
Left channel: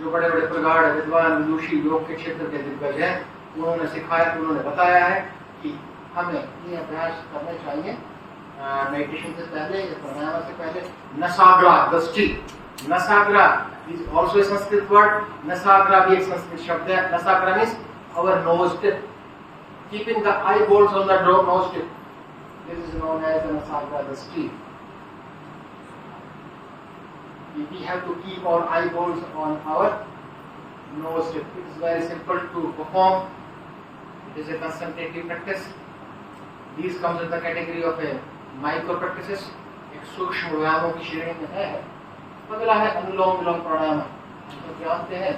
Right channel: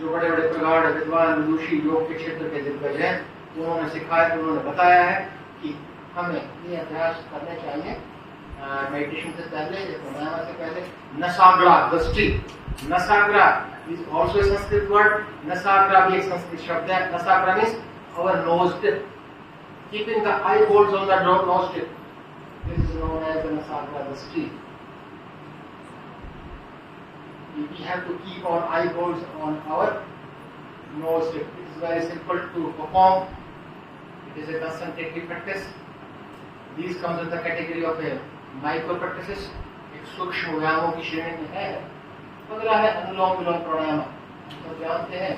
जो बड़े बड़े प्रगाढ़ विद्वान विदुषी योग के क्षेत्र के दिग्गज हैं, उन्होंने सिखाया, उन्होंने बताया है कि हमें ये अभ्यास करने चाहिए मेडिटेशन से पहले, प्राणायाम से पहले। नसाग्रा दृष्टि, नसाग्रा is also a Sanskrit word. नसाग्रा भी एक संस्कृत शब्द है। नसाग्रा means our nose tip, keeping the eyeballs on the nose tip. This is known as the nasagra dೃಷ್ಟಿ. We have to keep our eyeballs on our nose tip. It is very simple to perform. It is a concentrative practice. These comes in the category of a micro practices. एक सूक्ष्म व्यायामों की श्रेणी में है। अगला है अनुलोम विलोम प्राणायाम। तो जानते हैं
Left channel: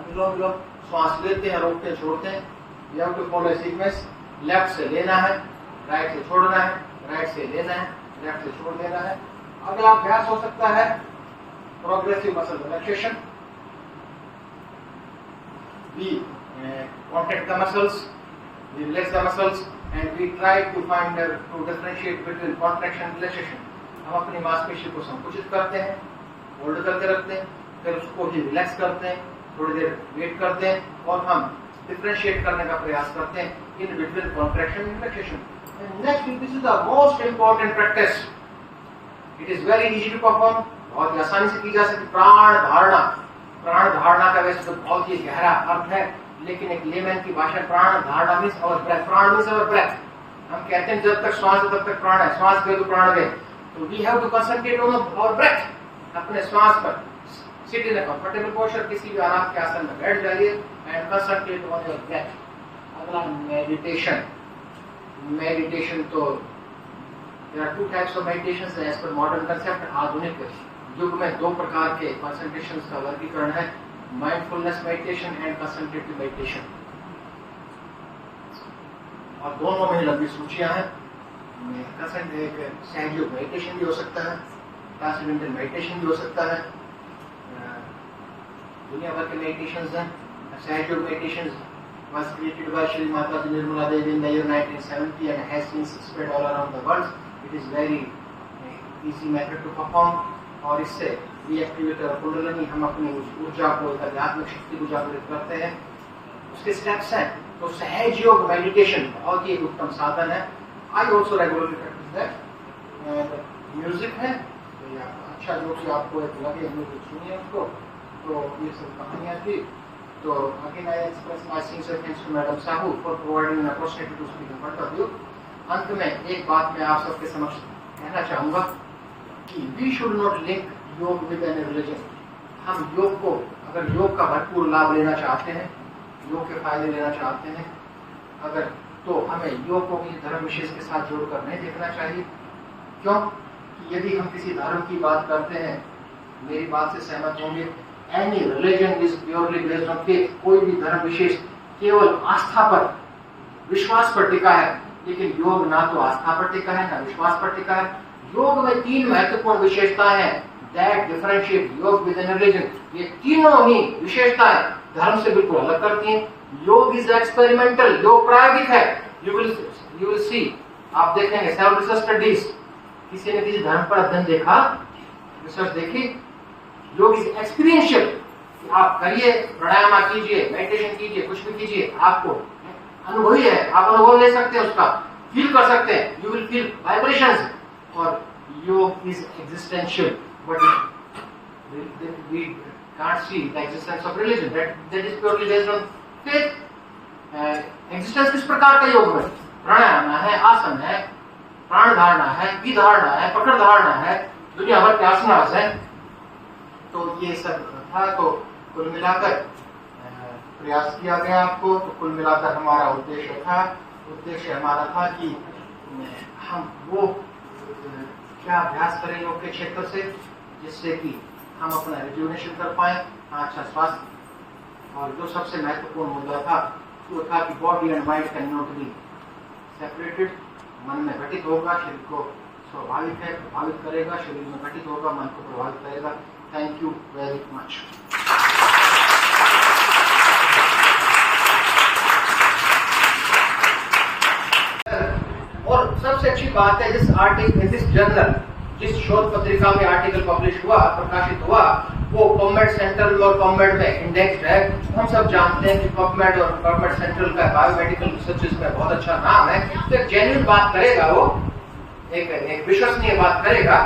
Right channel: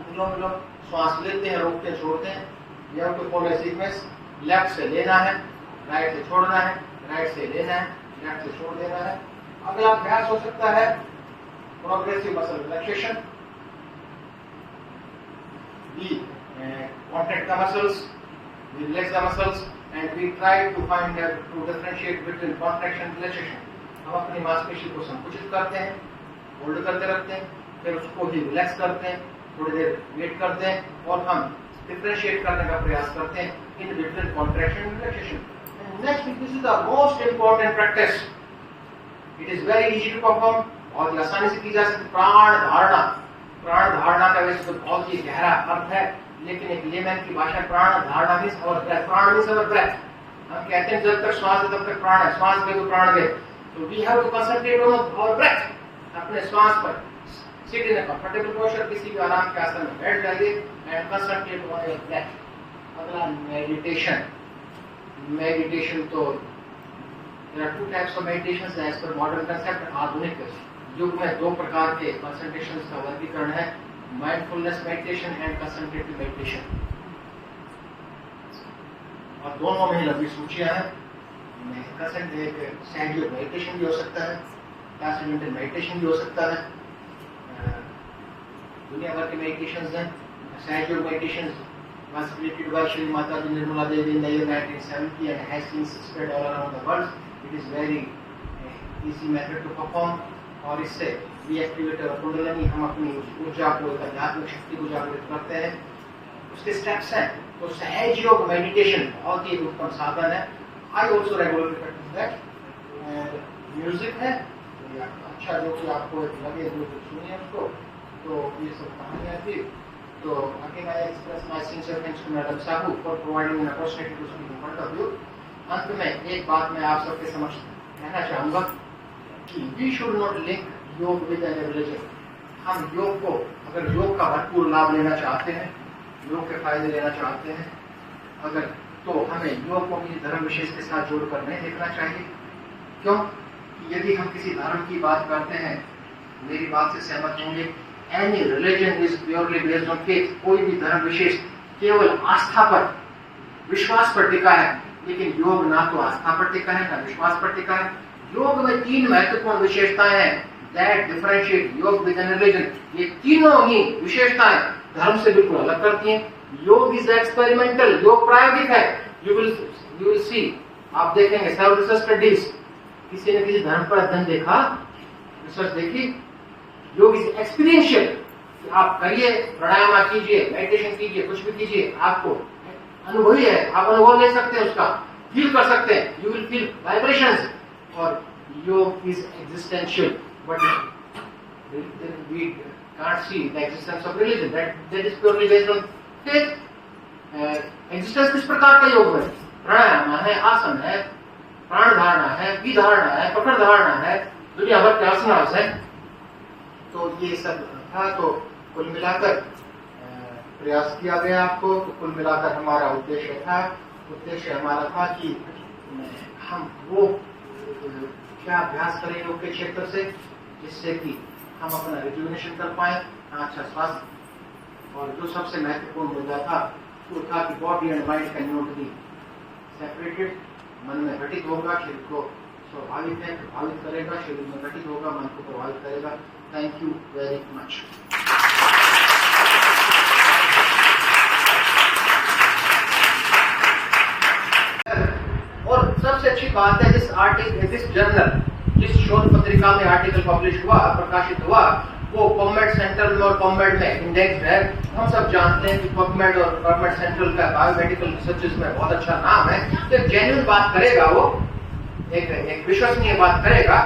अनुलोम विलोम, श्वास लेते हैं, रोकते हैं, छोड़ते हैं। You have to follow a sequence. Left से लेना है, राइट से छोड़ना है, राइट से लेना है, लेफ्ट से छोड़ देना है। अगला अभ्यास हो सकता है progressive muscle relaxation. We contract the muscles, we relax the muscles, and we try to differentiate between contraction and relaxation. हम अपनी मांसपेशी को संकुचित करते हैं, होल्ड करके रखते हैं, फिर उसको भी रिलैक्स करते हैं, थोड़ी देर वेट करते हैं और हम डिफरेंशिएट करने का प्रयास करते हैं in between contraction and relaxation. Next, this is the most important practice. It is very easy to perform, बहुत आसानी से की जा सकती। प्राण धारणा। प्राण धारणा का वैसे तो बहुत ही गहरा अर्थ है, लेकिन एक लेमन की भाषा प्राण धारणा मींस और ब्रेथ। प्राण मींस और ब्रेथ। हम कहते हैं जब तक श्वास है तब तक प्राण है, श्वास गए तो प्राण गए। तो we have to concentrate on our breath, अपने श्वास पर। Sit in a comfortable posture, किसी भी आराम के आसन में बैठ जाइए and concentrate on your breath. अगला मेडिटेशन। मेडिटेशन तो there are two types of meditations as per modern concept. आधुनिक युग में दो प्रकार के कंसंट्रेशन का वर्गीकरण है, माइंडफुलनेस मेडिटेशन एंड कंसंट्रेटिव मेडिटेशन। और दोनों में लंबी सूचियां हैं। सहयोग मेडिटेशन भी हो सकता है, ट्रांसेंडेंटल मेडिटेशन भी हो सकता है। दुनिया भर के मेडिटेशंस हैं। सहयोग meditation was created by Shri Mataji Nirmala Devi in the year 1970 and has been spread all around the world. It is very easy method to perform और इससे reactivate our कुंडलिनी, हम अपनी ऊर्जा को, आध्यात्मिक शक्ति को जागृत करते हैं। उसके स्टेप्स हैं। तो सहज योग मेडिटेशन बहुत ही उत्तम साधन है। I also regularly practice that. Music है अच्छा, जो कि आपको एक लगे, जो सुनिए उसको। तो ये सब कहानियाँ थी। तो again I express my sincere thanks to Madam Sahu for providing an opportunity to speak in front of you. अंत में एक बात मैं आप सबके समक्ष कहना चाहूँगा कि we should not link योग with any religion. हम योग को, अगर योग का भरपूर लाभ लेना चाहते हैं, योग के फायदे लेना चाहते हैं, अगर तो हमें योग को किसी धर्म विशेष के साथ जोड़कर नहीं देखना चाहिए। क्यों? कि यदि हम किसी धर्म की बात करते हैं, मेरी बात से सहमत होंगे, any religion is purely based on faith. कोई भी धर्म विशेष केवल आस्था पर, विश्वास पर टिका है, लेकिन योग ना तो आस्था पर टिका है ना विश्वास पर टिका है। योग में तीन महत्वपूर्ण विशेषताएं हैं दैट डिफरेंशिएट योग विद एन रिलीजन। ये तीनों ही विशेषताएं धर्म से बिल्कुल अलग करती हैं। योग इज एक्सपेरिमेंटल, योग प्रायोगिक है। यू विल सी, आप देखेंगे सेवरल रिसर्च स्टडीज, किसी ने किसी धर्म पर अध्ययन देखा, रिसर्च देखी। योग इज एक्सपीरियंशियल, आप करिए, प्राणायाम कीजिए, मेडिटेशन कीजिए, कुछ भी कीजिए, आपको अनुभवी है, आप अनुभव ले सकते हैं, उसका फील कर सकते हैं। You will feel vibrations. और yoga is existential, but we can't see the existence of religion, that is purely based on faith. Existence किस प्रकार का योग है? प्राणायाम है, आसन है, प्राण धारणा है, विधारणा है, पकड़ धारणा है, दुनिया भर के आसनास है। तो ये सब था। तो कुल मिलाकर प्रयास किया गया आपको। तो कुल मिलाकर हमारा उद्देश्य हमारा था कि हम वो क्या अभ्यास करें योग के क्षेत्र से, जिससे कि हम अपना रिजुविनेशन कर पाए, अच्छा स्वास्थ्य। और जो सबसे महत्वपूर्ण मुद्दा था वो था कि body and mind can not be separated. मन में घटित होगा, शरीर को स्वाभाविक है प्रभावित करेगा, शरीर में घटित होगा, मन को प्रभावित करेगा। Thank you very much. और सबसे अच्छी बात है, जिस जर्नल, जिस शोध पत्रिका में आर्टिकल पब्लिश हुआ, प्रकाशित हुआ, वो पबमेड सेंट्रल और पबमेड में इंडेक्स है। हम सब जानते हैं कि पबमेड और पबमेड सेंट्रल का बायोमेडिकल रिसर्च में बहुत अच्छा नाम है। तो एक जेन्युइन बात करेगा, वो एक विश्वसनीय बात करेगा।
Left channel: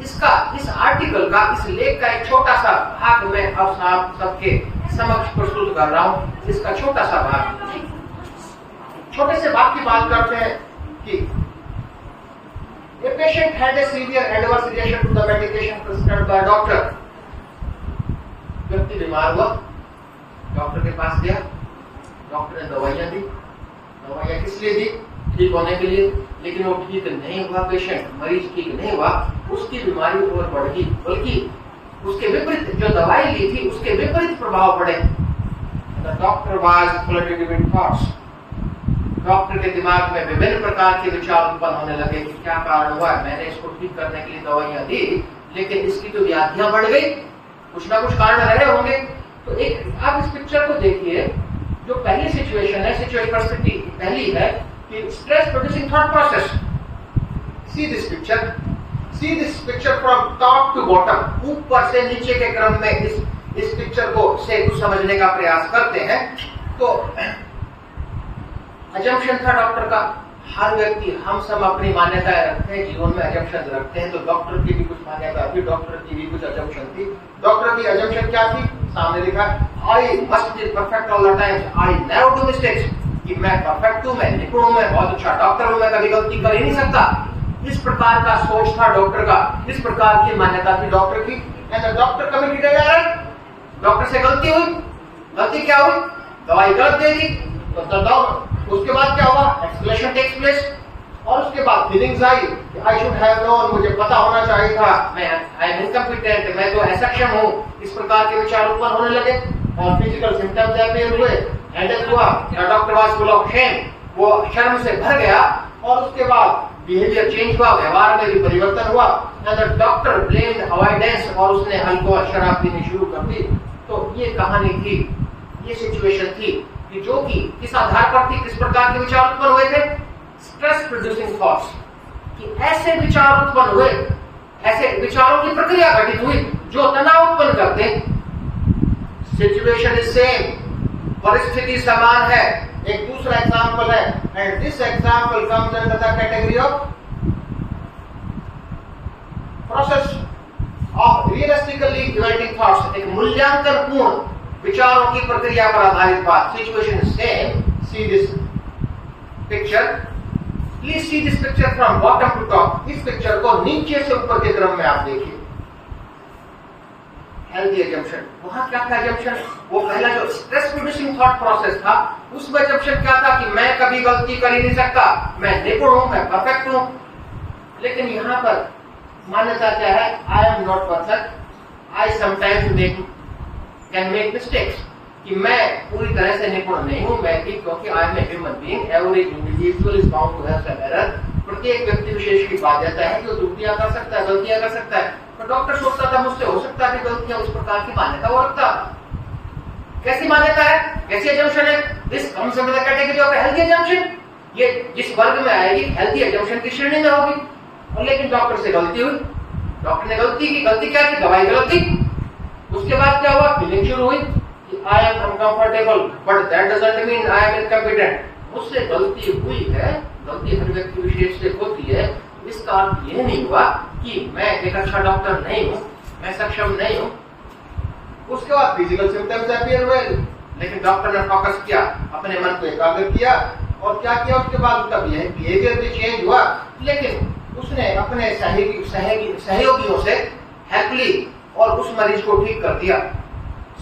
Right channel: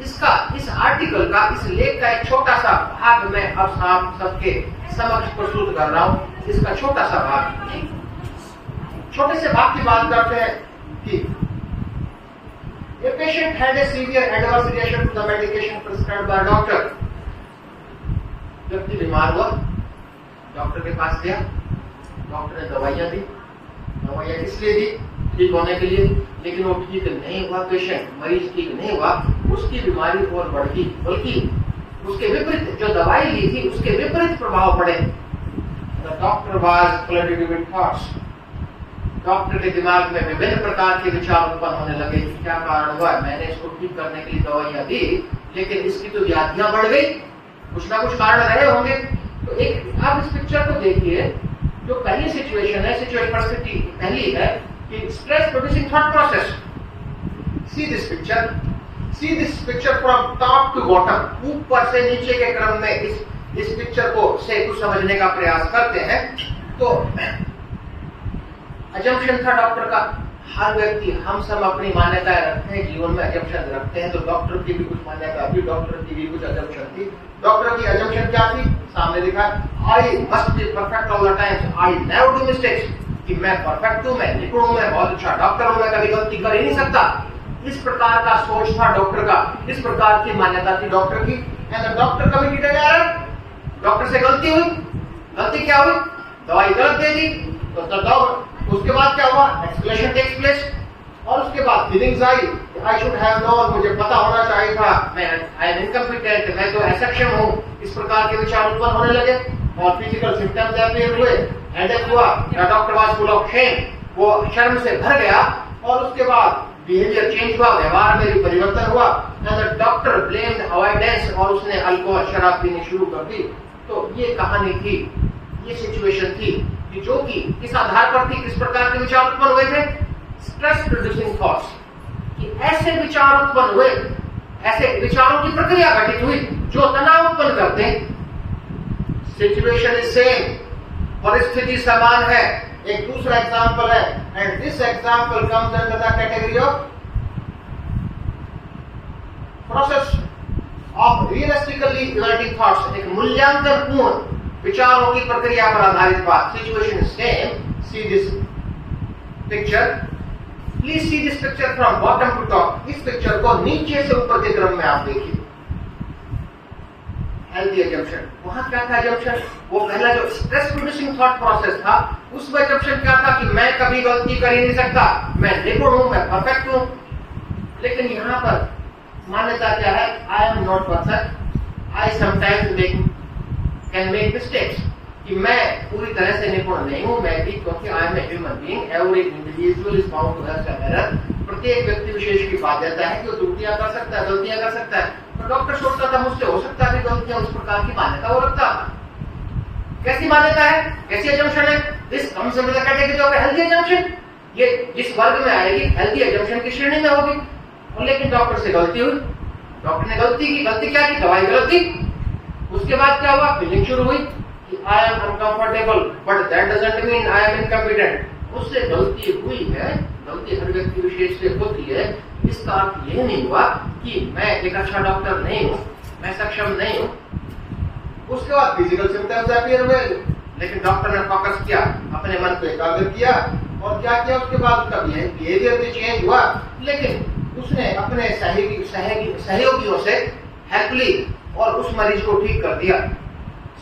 इस आर्टिकल का, इस लेख का एक छोटा सा भाग मैं अब आप सबके समक्ष प्रस्तुत कर रहा हूँ। इसका छोटा सा भाग, छोटे से भाग की बात करते हैं कि a patient had a severe adverse reaction to the medication prescribed by doctor. व्यक्ति बीमार हुआ, डॉक्टर के पास गया, डॉक्टर ने दवाइयां दी। दवाइयां इसलिए दी ठीक होने के लिए, लेकिन वो ठीक नहीं हुआ। पेशेंट, मरीज ठीक नहीं हुआ, उसकी बीमारी और बढ़ गई, बल्कि उसके विपरीत जो दवाई ली थी उसके विपरीत प्रभाव पड़े। The doctor was flooded with thoughts. Doctor के दिमाग में विभिन्न प्रकार के विचार उत्पन्न होने लगे कि क्या कारण हुआ, मैंने इसको ठीक करने के लिए दवाइयां दी, लेकिन इसकी तो व्याधियां बढ़ गई, कुछ ना कुछ कारण रहे होंगे। तो एक आप इस पिक्चर को देखिए, जो पहली सिचुएशन है, सिचुएशन परिस्थिति पहली है कि stress producing thought process. See this picture from top to bottom, ऊपर से नीचे के क्रम में इस पिक्चर को से कुछ समझने का प्रयास करते हैं। तो अजम्पशन था डॉक्टर का, हर व्यक्ति, हम सब अपनी मान्यताएं रखते हैं, जीवन में अजम्पशन रखते हैं। तो डॉक्टर की भी कुछ मान्यता थी, डॉक्टर की भी कुछ अजम्पशन थी। डॉक्टर की अजम्पशन क्या थी, सामने लिखा, I must be perfect all the times, I never do mistakes, कि मैं परफेक्ट हूं, मैं निपुण हूं, मैं बहुत अच्छा डॉक्टर हूं, मैं कभी गलती कर ही नहीं सकता। इस प्रकार का सोच था डॉक्टर का, इस प्रकार की मान्यता थी डॉक्टर की। And doctor committed an error, doctor से गलती हुई। गलती क्या हुई, दवाई गलत दे दी। तो उसके बाद क्या हुआ, एक्सप्लेनेशन टेक्स प्लेस, और उसके बाद feelings I, I should have known, मुझे पता होना चाहिए था, मैं आई एम इनकम्पिटेंट, मैं तो असक्षम हूँ। इस प्रकार के विचार उत्पन्न होने लगे और फिजिकल सिम्टम्स अपीयर हुए, हेडेक हुआ, doctor was full of shame, वो शर्म से भर गया। और उसके बाद बिहेवियर चेंज हुआ, व्यवहार में भी परिवर्तन हुआ। डॉक्टर ब्लेम्ड अवॉइडेंस, और उसने अल्कोहल, शराब पीनी शुरू कर दी। तो ये कहानी थी, ये सिचुएशन थी कि जो कि किस आधार पर थी, किस प्रकार के विचार उत्पन्न हुए थे, स्ट्रेस प्रोड्यूसिंग थॉट्स, कि ऐसे विचार उत्पन्न हुए, ऐसे विचारों की प्रक्रिया घटित हुई जो तनाव उत्पन्न करते हैं। सिचुएशन इज सेम, परिस्थिति समान है। एक दूसरा एग्जाम्पल है, and this example comes under the category of process of realistically evaluating thoughts, एक मूल्यांकन पूर्ण विचारों की प्रक्रिया पर आधारित बात। Situation same, see this picture, please see this picture from bottom to top. इस पिक्चर को नीचे से ऊपर के क्रम में आप देखिए। हेल्दी अजम्पशन, वहां क्या था अजम्पशन, वो पहला जो स्ट्रेस प्रोड्यूसिंग थॉट प्रोसेस था, उसमें अजम्पशन क्या था कि मैं कभी गलती कर ही नहीं सकता, मैं निपुण हूं, मैं परफेक्ट हूं। लेकिन यहां पर मान्यता क्या है, I am not perfect, I sometimes can make mistakes, कि मैं पूरी तरह से निपुण नहीं हूं, मैं भी, क्योंकि I am a human being, every individual is bound to have some error. प्रत्येक व्यक्ति विशेष की बाध्यता है कि वो त्रुटियां कर सकता है, गलतियां कर सकता है। तो डॉक्टर सोचता था मुझसे हो सकता है गलतियां, उस प्रकार की मान्यता वो रखता। कैसी मान्यता है, कैसी अजम्पशन है, this comes under the category of healthy assumption. ये जिस वर्ग में आएगी, हेल्दी अजम्पशन की श्रेणी में होगी। और लेकिन डॉक्टर से गलती हुई, डॉक्टर ने गलती की, गलती क्या की, दवाई गलत थी। उसके बाद क्या हुआ, फीलिंग शुरू हुई कि I am uncomfortable, but that doesn't mean I am incompetent. उससे गलती हुई है, गलती हर व्यक्ति विशेष से होती है। इसका अर्थ यह नहीं हुआ कि मैं एक अच्छा डॉक्टर नहीं हूं, मैं सक्षम नहीं हूं। उसके बाद फिजिकल सिम्टम्स अपीयर हुए, लेकिन डॉक्टर ने फोकस किया, अपने मन को एकाग्र किया, और क्या किया उसके बाद उसका बिहेवियर भी चेंज हुआ। लेकिन उसने अपने सहयोगियों से हेल्प ली और उस मरीज को ठीक कर दिया।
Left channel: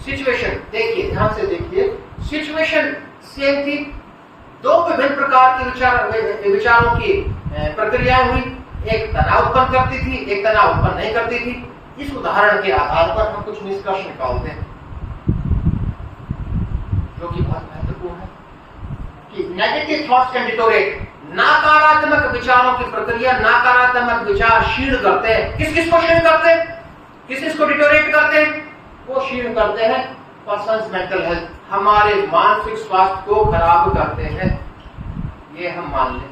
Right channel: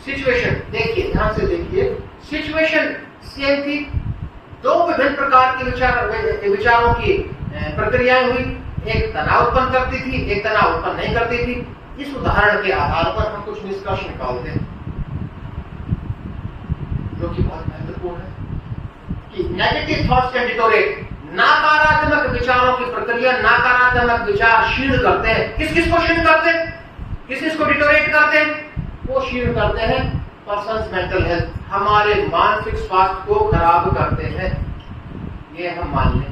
सिचुएशन देखिए, ध्यान से देखिए, सिचुएशन सेम थी, दो विभिन्न प्रकार के विचारों की प्रक्रियाएं हुई, एक तनाव उत्पन्न करती थी, एक तनाव उत्पन्न नहीं करती थी। इस उदाहरण के आधार पर हम कुछ निष्कर्ष निकालते हैं जो कि बहुत महत्वपूर्ण है कि नेगेटिव थॉट्स कैन डिटोरेट, नकारात्मक विचारों की प्रक्रिया नकारात्मक विचार क्षीण करते हैं। किस किस को क्षीण करते हैं, किस किस को डिटोरेट करते हैं? वो क्षीण करते हैं पर्सन्स मेंटल हेल्थ, हमारे मानसिक स्वास्थ्य को खराब करते हैं, ये हम मान लें,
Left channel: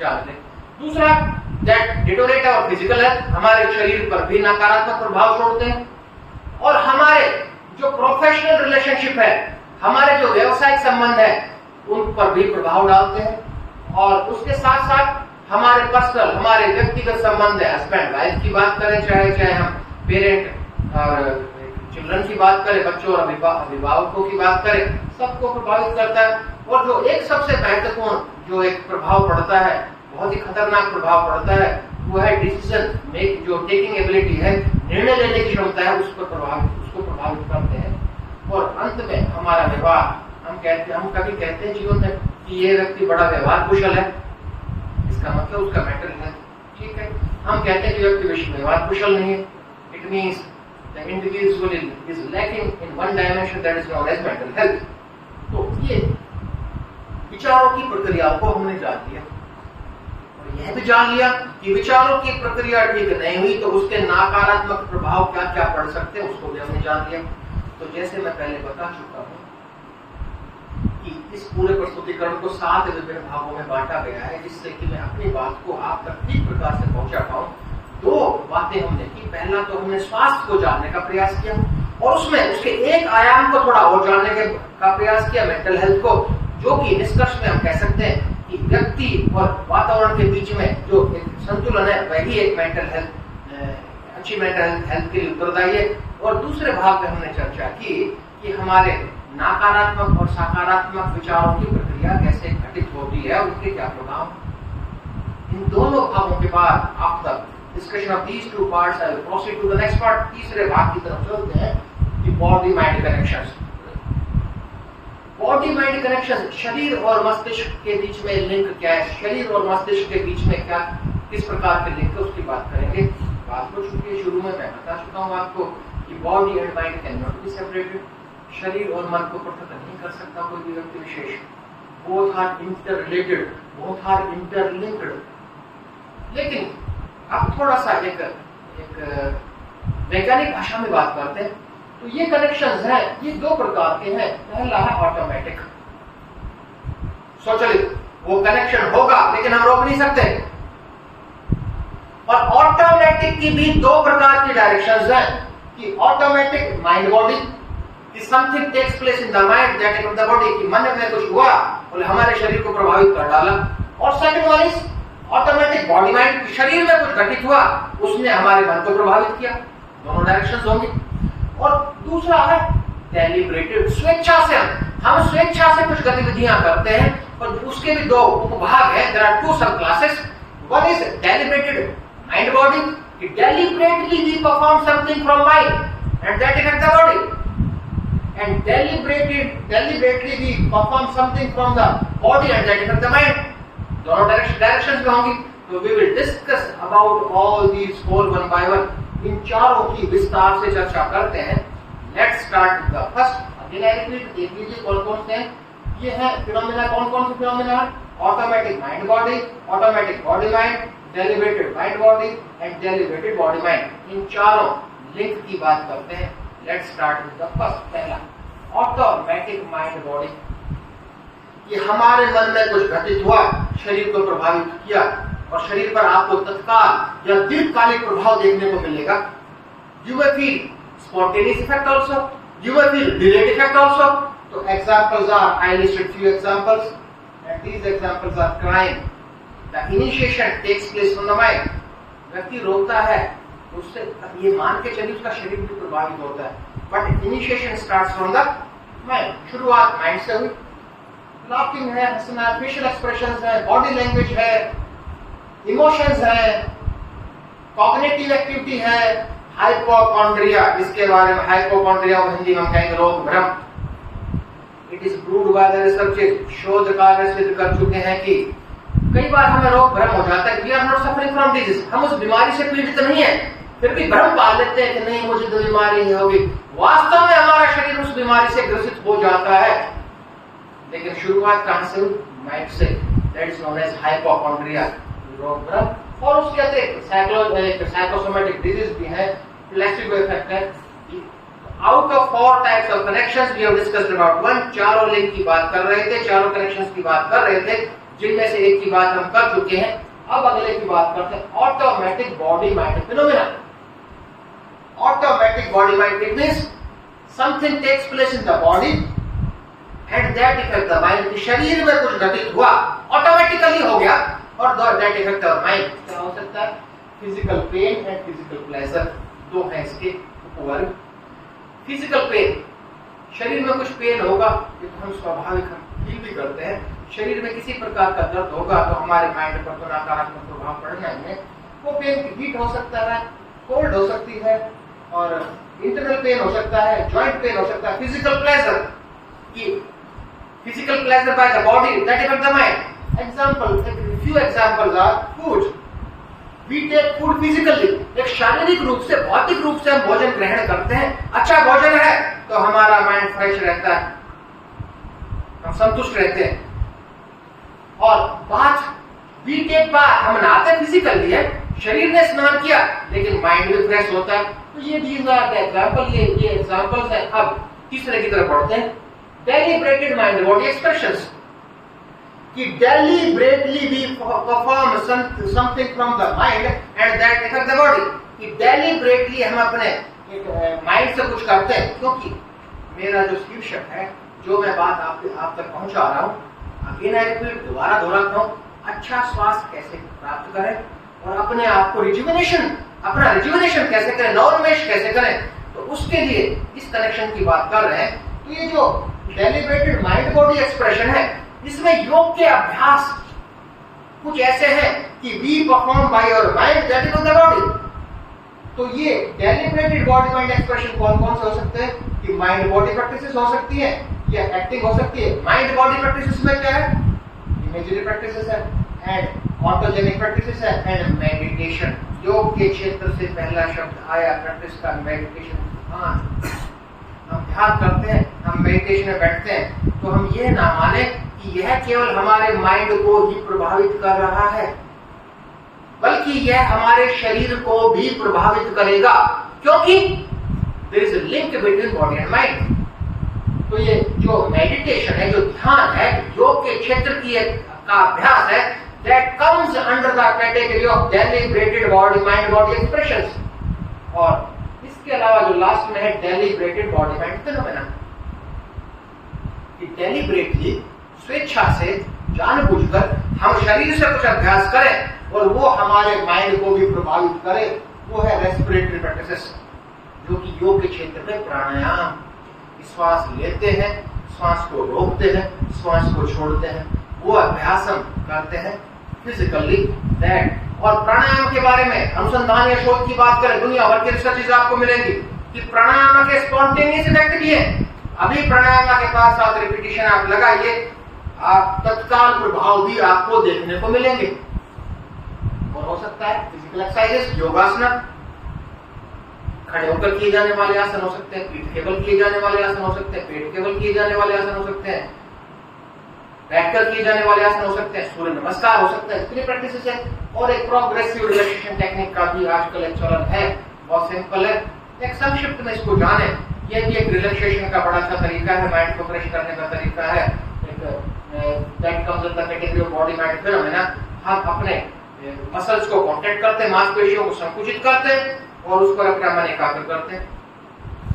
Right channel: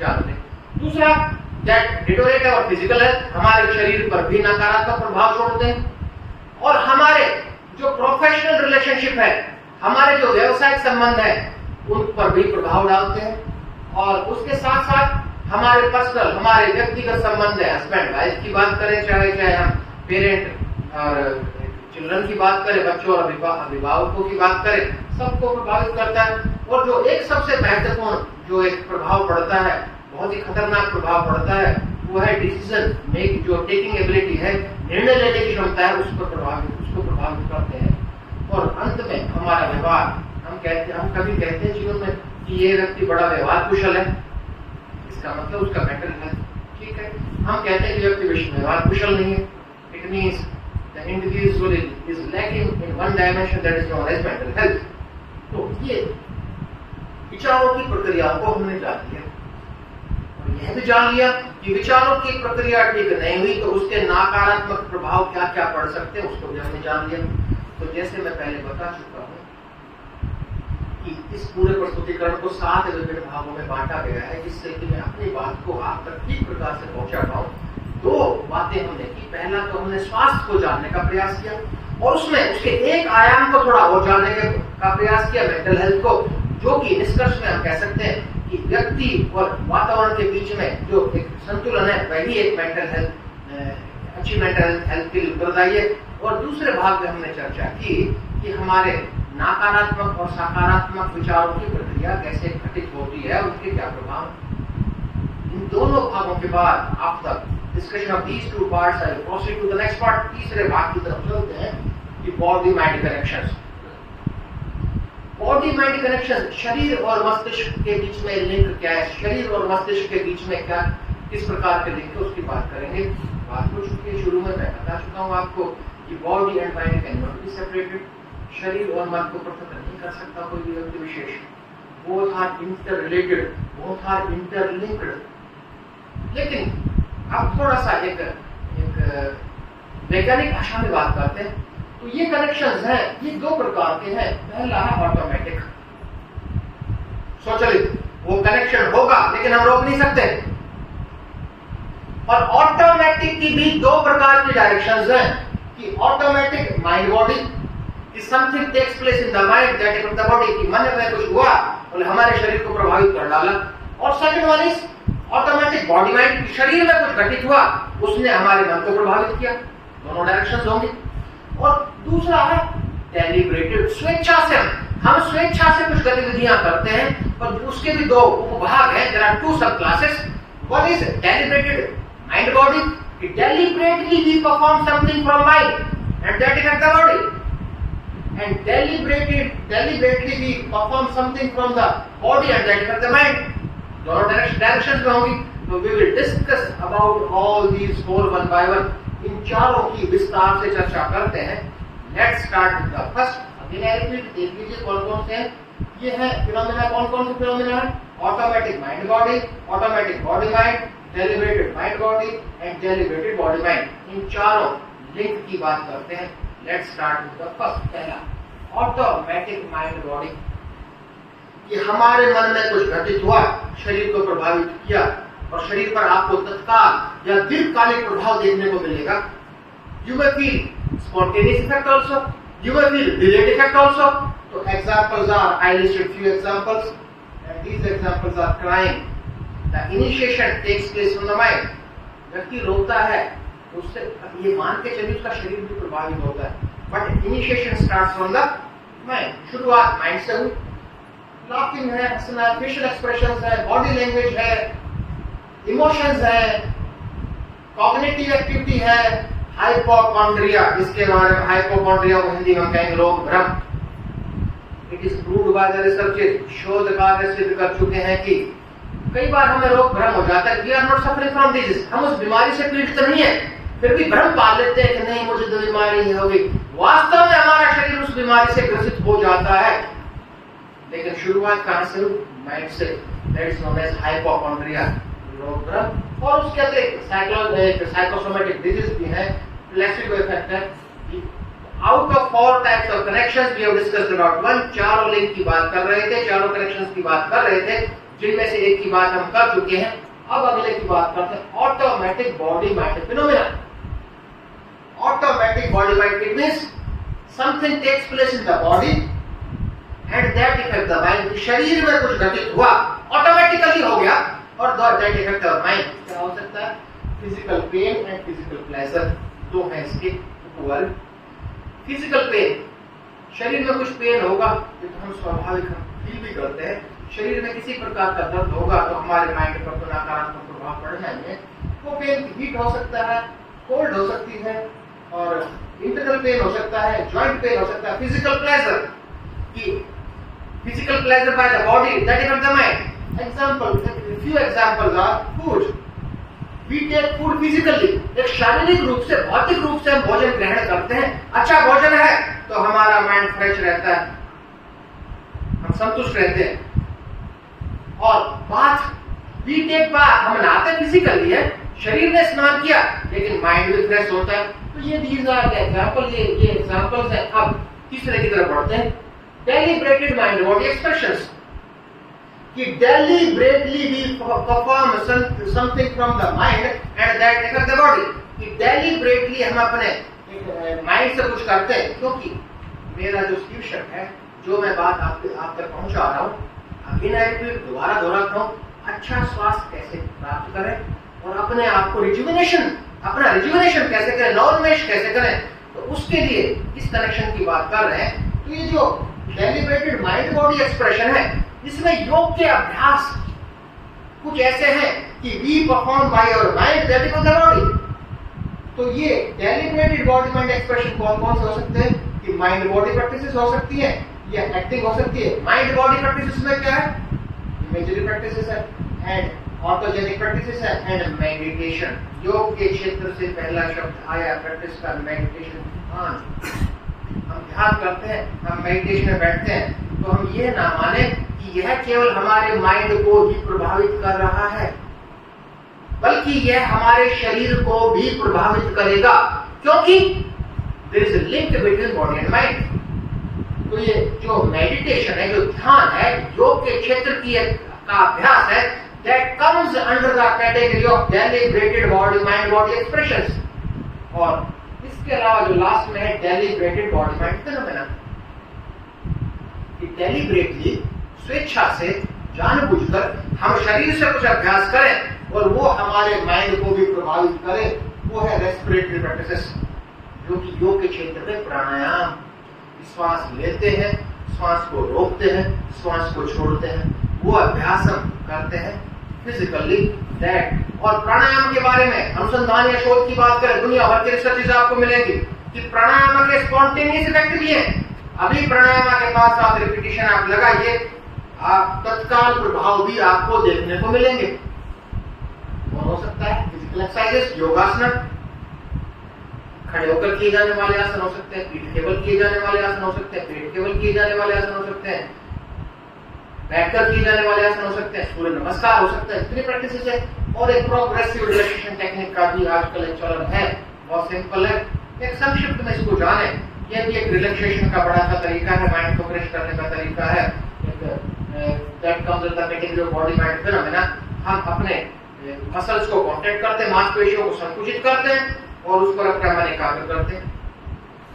जान लें। दूसरा, दैट डिटोरेट और फिजिकल हेल्थ, हमारे शरीर पर भी नकारात्मक प्रभाव छोड़ते हैं और हमारे जो प्रोफेशनल रिलेशनशिप है, हमारे जो व्यवसायिक संबंध है, उन पर भी प्रभाव डालते हैं। और उसके साथ साथ हमारे पर्सनल, हमारे व्यक्तिगत संबंध है, हस्बैंड वाइफ की बात करें, चाहे हम पेरेंट और चिल्ड्रन की बात करें, बच्चों और अभिभावकों की बात करें, सबको प्रभावित करता है। और जो एक सबसे महत्वपूर्ण जो एक प्रभाव पड़ता है, बहुत ही खतरनाक प्रभाव पड़ता है, वो है डिसीजन मेक, जो टेकिंग एबिलिटी है, निर्णय लेने की क्षमता है, उसको प्रभावित करते हैं। और अंत में हमारा व्यवहार, हम कभी कहते हैं जीवन में कि ये व्यक्ति बड़ा व्यवहार कुशल है, इसका मतलब उसका मेंटल हेल्थ ठीक है। हम कहते हैं कि व्यक्ति व्यवहार कुशल नहीं है, it means the individual is lacking in one dimension that is known as mental health. तो ये विचारों की प्रक्रियाओं को हमने जान लिया और यह भी जान लिया कि विचारों की प्रक्रिया ठीक नहीं हुई तो उसके नकारात्मक प्रभाव क्या क्या पड़ सकते हैं, उसको भी हमने जान लिया। तो जैसे मैं पहले बता चुका हूं कि इस पूरे प्रस्तुतिकरण को 7 विभिन्न भागों में बांटा गया है, जिससे कि मैं अपनी बात को आप तक ठीक प्रकार से पहुंचा पाऊं। 2 बातें हमने की। पहला तो हमने स्वास्थ्य को जानने का प्रयास किया और उसमें उसके एक आयाम को थोड़ा और जानने का प्रयास किया, मेंटल हेल्थ को, जो कि निष्कर्ष में हम कह सकते हैं कि व्यक्ति और वातावरण के बीच में जो एक संतुलन है, वही एक मेंटल हेल्थ, अच्छी मेंटल हेल्थ के लिए उत्तरदायी है। और दूसरे भाग में हमने चर्चा की कि हमारे नकारात्मक और सकारात्मक विचारों की प्रक्रिया कैसे घटित होती है, उनके क्या प्रभाव। इन दोनों भागों के बाद after discussion of these 2 parts I will proceed to the next part. तीसरे भाग की तरफ चलते हैं कि body mind connections. Body mind connection, शरीर और मस्तिष्क के बीच में लिंक क्या है, शरीर और मस्तिष्क के बीच में क्या किस प्रकार के लिंक है, उसकी बात करेंगे। बात हो चुकी है, शुरू में मैं बता चुका हूं आपको कि body and mind can not be separated, शरीर और मन को पृथक नहीं कर सकता कोई भी व्यक्ति विशेष। Both are interrelated, both are interlinked. लेकिन अब थोड़ा सा एक वैज्ञानिक भाषा में बात करते हैं तो ये कनेक्शंस हैं, ये 2 प्रकार के हैं। पहला है ऑटोमेटिक, स्वचालित, वो कनेक्शन होगा लेकिन हम रोक नहीं सकते। और ऑटोमेटिक की भी 2 प्रकार की डायरेक्शंस हैं कि automatic mind body, something takes place in the mind that is the body, कि मन में कुछ हुआ और हमारे शरीर को प्रभावित कर डाला। और second one is automatic body mind, शरीर में कुछ घटित हुआ, उसने हमारे मन को प्रभावित किया। दोनों डायरेक्शंस होंगे। और दूसरा है डेलिब्रेटेड, स्वेच्छा से हम स्वेच्छा से कुछ गतिविधियां करते हैं और उसके भी 2 उपभाग हैं। There are 2 sub classes. One is deliberated mind body, कि deliberately we perform something from mind and that effect the body, and deliberately we perform something from the body and that affect the mind. दोनों directions में होंगी। तो we will discuss about all these 4 one by one। इन चारों की विस्तार से चर्चा करते हैं। Let's start with the first। अगले रिपीट देख लीजिए कौन कौन से हैं। ये है फिनोमेना, कौन कौन से फिनोमेना है? Automatic mind body, automatic body mind, deliberated mind body and deliberated body mind. इन चारों लिंक की बात करते हैं। Let's start with the first, पहला ऑटोमेटिक माइंड बॉडी। ये हमारे मन में कुछ घटित हुआ, शरीर को प्रभावित किया और शरीर पर आपको तत्काल या दीर्घकालिक प्रभाव देखने को मिलेगा। You may feel spontaneous effect also, you may feel delayed effect also। तो examples are, I listed few examples and these examples are crime। The initiation takes place from the mind। व्यक्ति रोता है, उससे ये मान के चलिए उसका शरीर भी प्रभावित होता है, but initiation starts from the mind. शुरुआत माइंड से हुई। लाफिंग है, हंसना है, फेशियल एक्सप्रेशंस है, बॉडी लैंग्वेज है, इमोशंस है, कॉग्निटिव एक्टिविटी है, हाइपोकॉन्ड्रिया, जिसके बारे में हाइपोकॉन्ड्रिया को हिंदी में कहेंगे रोग भ्रम। It is proved by the researchers, शोधकार सिद्ध कर चुके हैं कि कई बार हमें रोग भ्रम हो जाता है, we are not suffering from disease, हम उस बीमारी से पीड़ित नहीं है, फिर भी भ्रम पाल लेते हैं कि नहीं मुझे तो बीमारी नहीं होगी। वास्तव में हमारा शरीर उस बीमारी से ग्रसित हो जाता है, लेकिन शुरुआत कहां से? माइंड से। That is known as hypochondria, रोग भ्रम। और उसके अतिरिक्त साइकोसोमेटिक डिजीज भी है, प्लेसिबो इफेक्ट है। Out of 4 types of connections we have discussed about 1, चारों लिंक की बात कर रहे थे, चारों कनेक्शंस की बात कर रहे थे, जिनमें से एक की बात हम कर चुके हैं। अब अगले की बात करते हैं, automatic body mind phenomena. Automatic body mind it means something takes place in the body and that effect the mind. शरीर में कुछ घटित हुआ, ऑटोमेटिकली हो गया, और दैट इफेक्ट द माइंड। क्या हो सकता है? Physical pain and physical pleasure, दो है इसके ऊपर। फिजिकल पेन, शरीर में कुछ पेन होगा, ये तो हम स्वाभाविक फील भी करते हैं। शरीर में किसी प्रकार का दर्द होगा तो हमारे माइंड पर तो नकारात्मक प्रभाव पड़ना ही है। वो पेन हीट हो सकता है, कोल्ड हो सकती है, और इंटरनल पेन हो सकता है, जॉइंट पेन हो सकता है। Physical pleasure, physical pleasure by the body that effect the mind. Example, few examples are food. We take food physically, एक शारीरिक रूप से, भौतिक रूप से हम भोजन ग्रहण करते हैं। अच्छा भोजन है तो हमारा माइंड फ्रेश रहता है, हम संतुष्ट रहते हैं। और बात, वी टेक बाथ, हम नहाते फिजिकली है, शरीर ने स्नान किया, लेकिन माइंड भी फ्रेश होता है। तो ये दीज आर द एग्जांपल, ये एग्जांपल्स है। अब तीसरे की तरफ बढ़ते हैं, डेलिब्रेटेड माइंड बॉडी एक्सप्रेशंस। कि deliberately we perform something from the mind and that affect the body। कि deliberately हम अपने माइंड से कुछ करते हैं, क्योंकि मेरा जो शीर्षक है, जो मैं बात आप तक पहुंचा रहा हूँ, दोबारा दोहराता हूँ, अच्छा स्वास्थ्य कैसे प्राप्त करें और अपने आप को अपना रिजुविनेशन कैसे करें, नवोन्मेष कैसे करें, तो उसके लिए इस कनेक्शन की बात कर रहे हैं। तो ये जो डेलिब्रेटेड माइंड बॉडी एक्सप्रेशन है, इसमें योग के अभ्यास कुछ ऐसे हैं कि we perform by your mind that is the body. तो ये डेलिब्रेटेड बॉडी माइंड एक्सप्रेशन कौन कौन से हो सकते हैं? कि माइंड बॉडी प्रैक्टिसेस हो सकती है या एक्टिंग हो सकती है। माइंड बॉडी प्रैक्टिसेस में क्या है? इमेजरी प्रैक्टिसेस है एंड ऑटोजेनिक प्रैक्टिसेस है एंड मेडिटेशन। योग के क्षेत्र से पहला शब्द आया प्रैक्टिस का, मेडिटेशन। हम ध्यान करते हैं, हम मेडिटेशन में बैठते हैं, तो हम ये ना माने कि यह केवल हमारे माइंड को ही प्रभावित कर रहा है, बल्कि यह हमारे शरीर को भी प्रभावित करेगा, क्योंकि there is a link between body and mind. तो ये जो मेडिटेशन है, जो ध्यान है, योग के क्षेत्र की का अभ्यास है, that comes under the category of deliberated body mind body expressions. और इसके अलावा जो लास्ट में है डेलिब्रेटेड बॉडी माइंड फिनोमेना, कि डेलिब्रेटली, स्वेच्छा से, जानबूझकर हम शरीर से कुछ अभ्यास करें और वो हमारे माइंड को भी प्रभावित करे, वो है रेस्पिरेटरी प्रैक्टिसेस, जो कि योग के क्षेत्र में प्राणायाम। श्वास लेते हैं, श्वास को रोकते हैं, श्वास को छोड़ते हैं, वो अभ्यास हम करते हैं फिजिकली दैट। और प्राणायाम के बारे में अनुसंधान या शोध की बात करें, दुनिया भर की रिसर्च आपको मिलेगी कि प्राणायाम के स्पॉन्टेनियस इफेक्ट भी है। अभी प्राणायाम के पास साथ रिपीटेशन आप लगाइए, आप तत्काल प्रभाव भी आपको देखने को मिलेंगे। और हो सकता है फिजिकल एक्सरसाइजेस, योगासन, खड़े होकर किए जाने वाले आसन हो सकते हैं, पीठ केवल किए जाने वाले आसन हो सकते हैं, पेट केवल किए जाने वाले आसन हो सकते हैं, बैठकर किए जाने वाले आसन हो सकते हैं, सूर्य नमस्कार हो सकता है। इतनी प्रैक्टिस है। और एक प्रोग्रेसिव रिलैक्सेशन टेक्निक का भी आजकल एक चलन है, बहुत सिंपल है। एक संक्षिप्त में इसको जाने, यह भी एक रिलैक्सेशन का बड़ा अच्छा तरीका है, माइंड को फ्रेश करने का तरीका है। That comes under the category of body mind phenomena. हम अपने मसल्स को कॉन्ट्रैक्ट करते हैं, मांसपेशियों को संकुचित करते हैं और उस पर अपना मन एकाग्र करते हैं।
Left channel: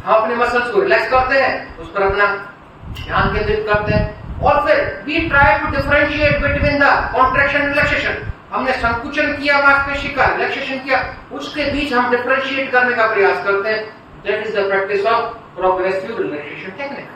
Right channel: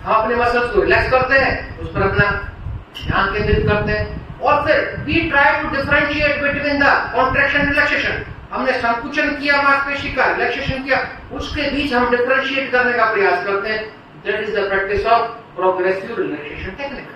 हम अपने मसल्स को रिलैक्स करते हैं, उस पर अपना ध्यान केंद्रित करते हैं, और फिर we try to differentiate between the contraction and relaxation. हमने संकुचन किया मांसपेशी का, रिलैक्सेशन किया, उसके बीच हम डिफरेंशिएट करने का प्रयास करते हैं। That is the practice of progressive relaxation technique.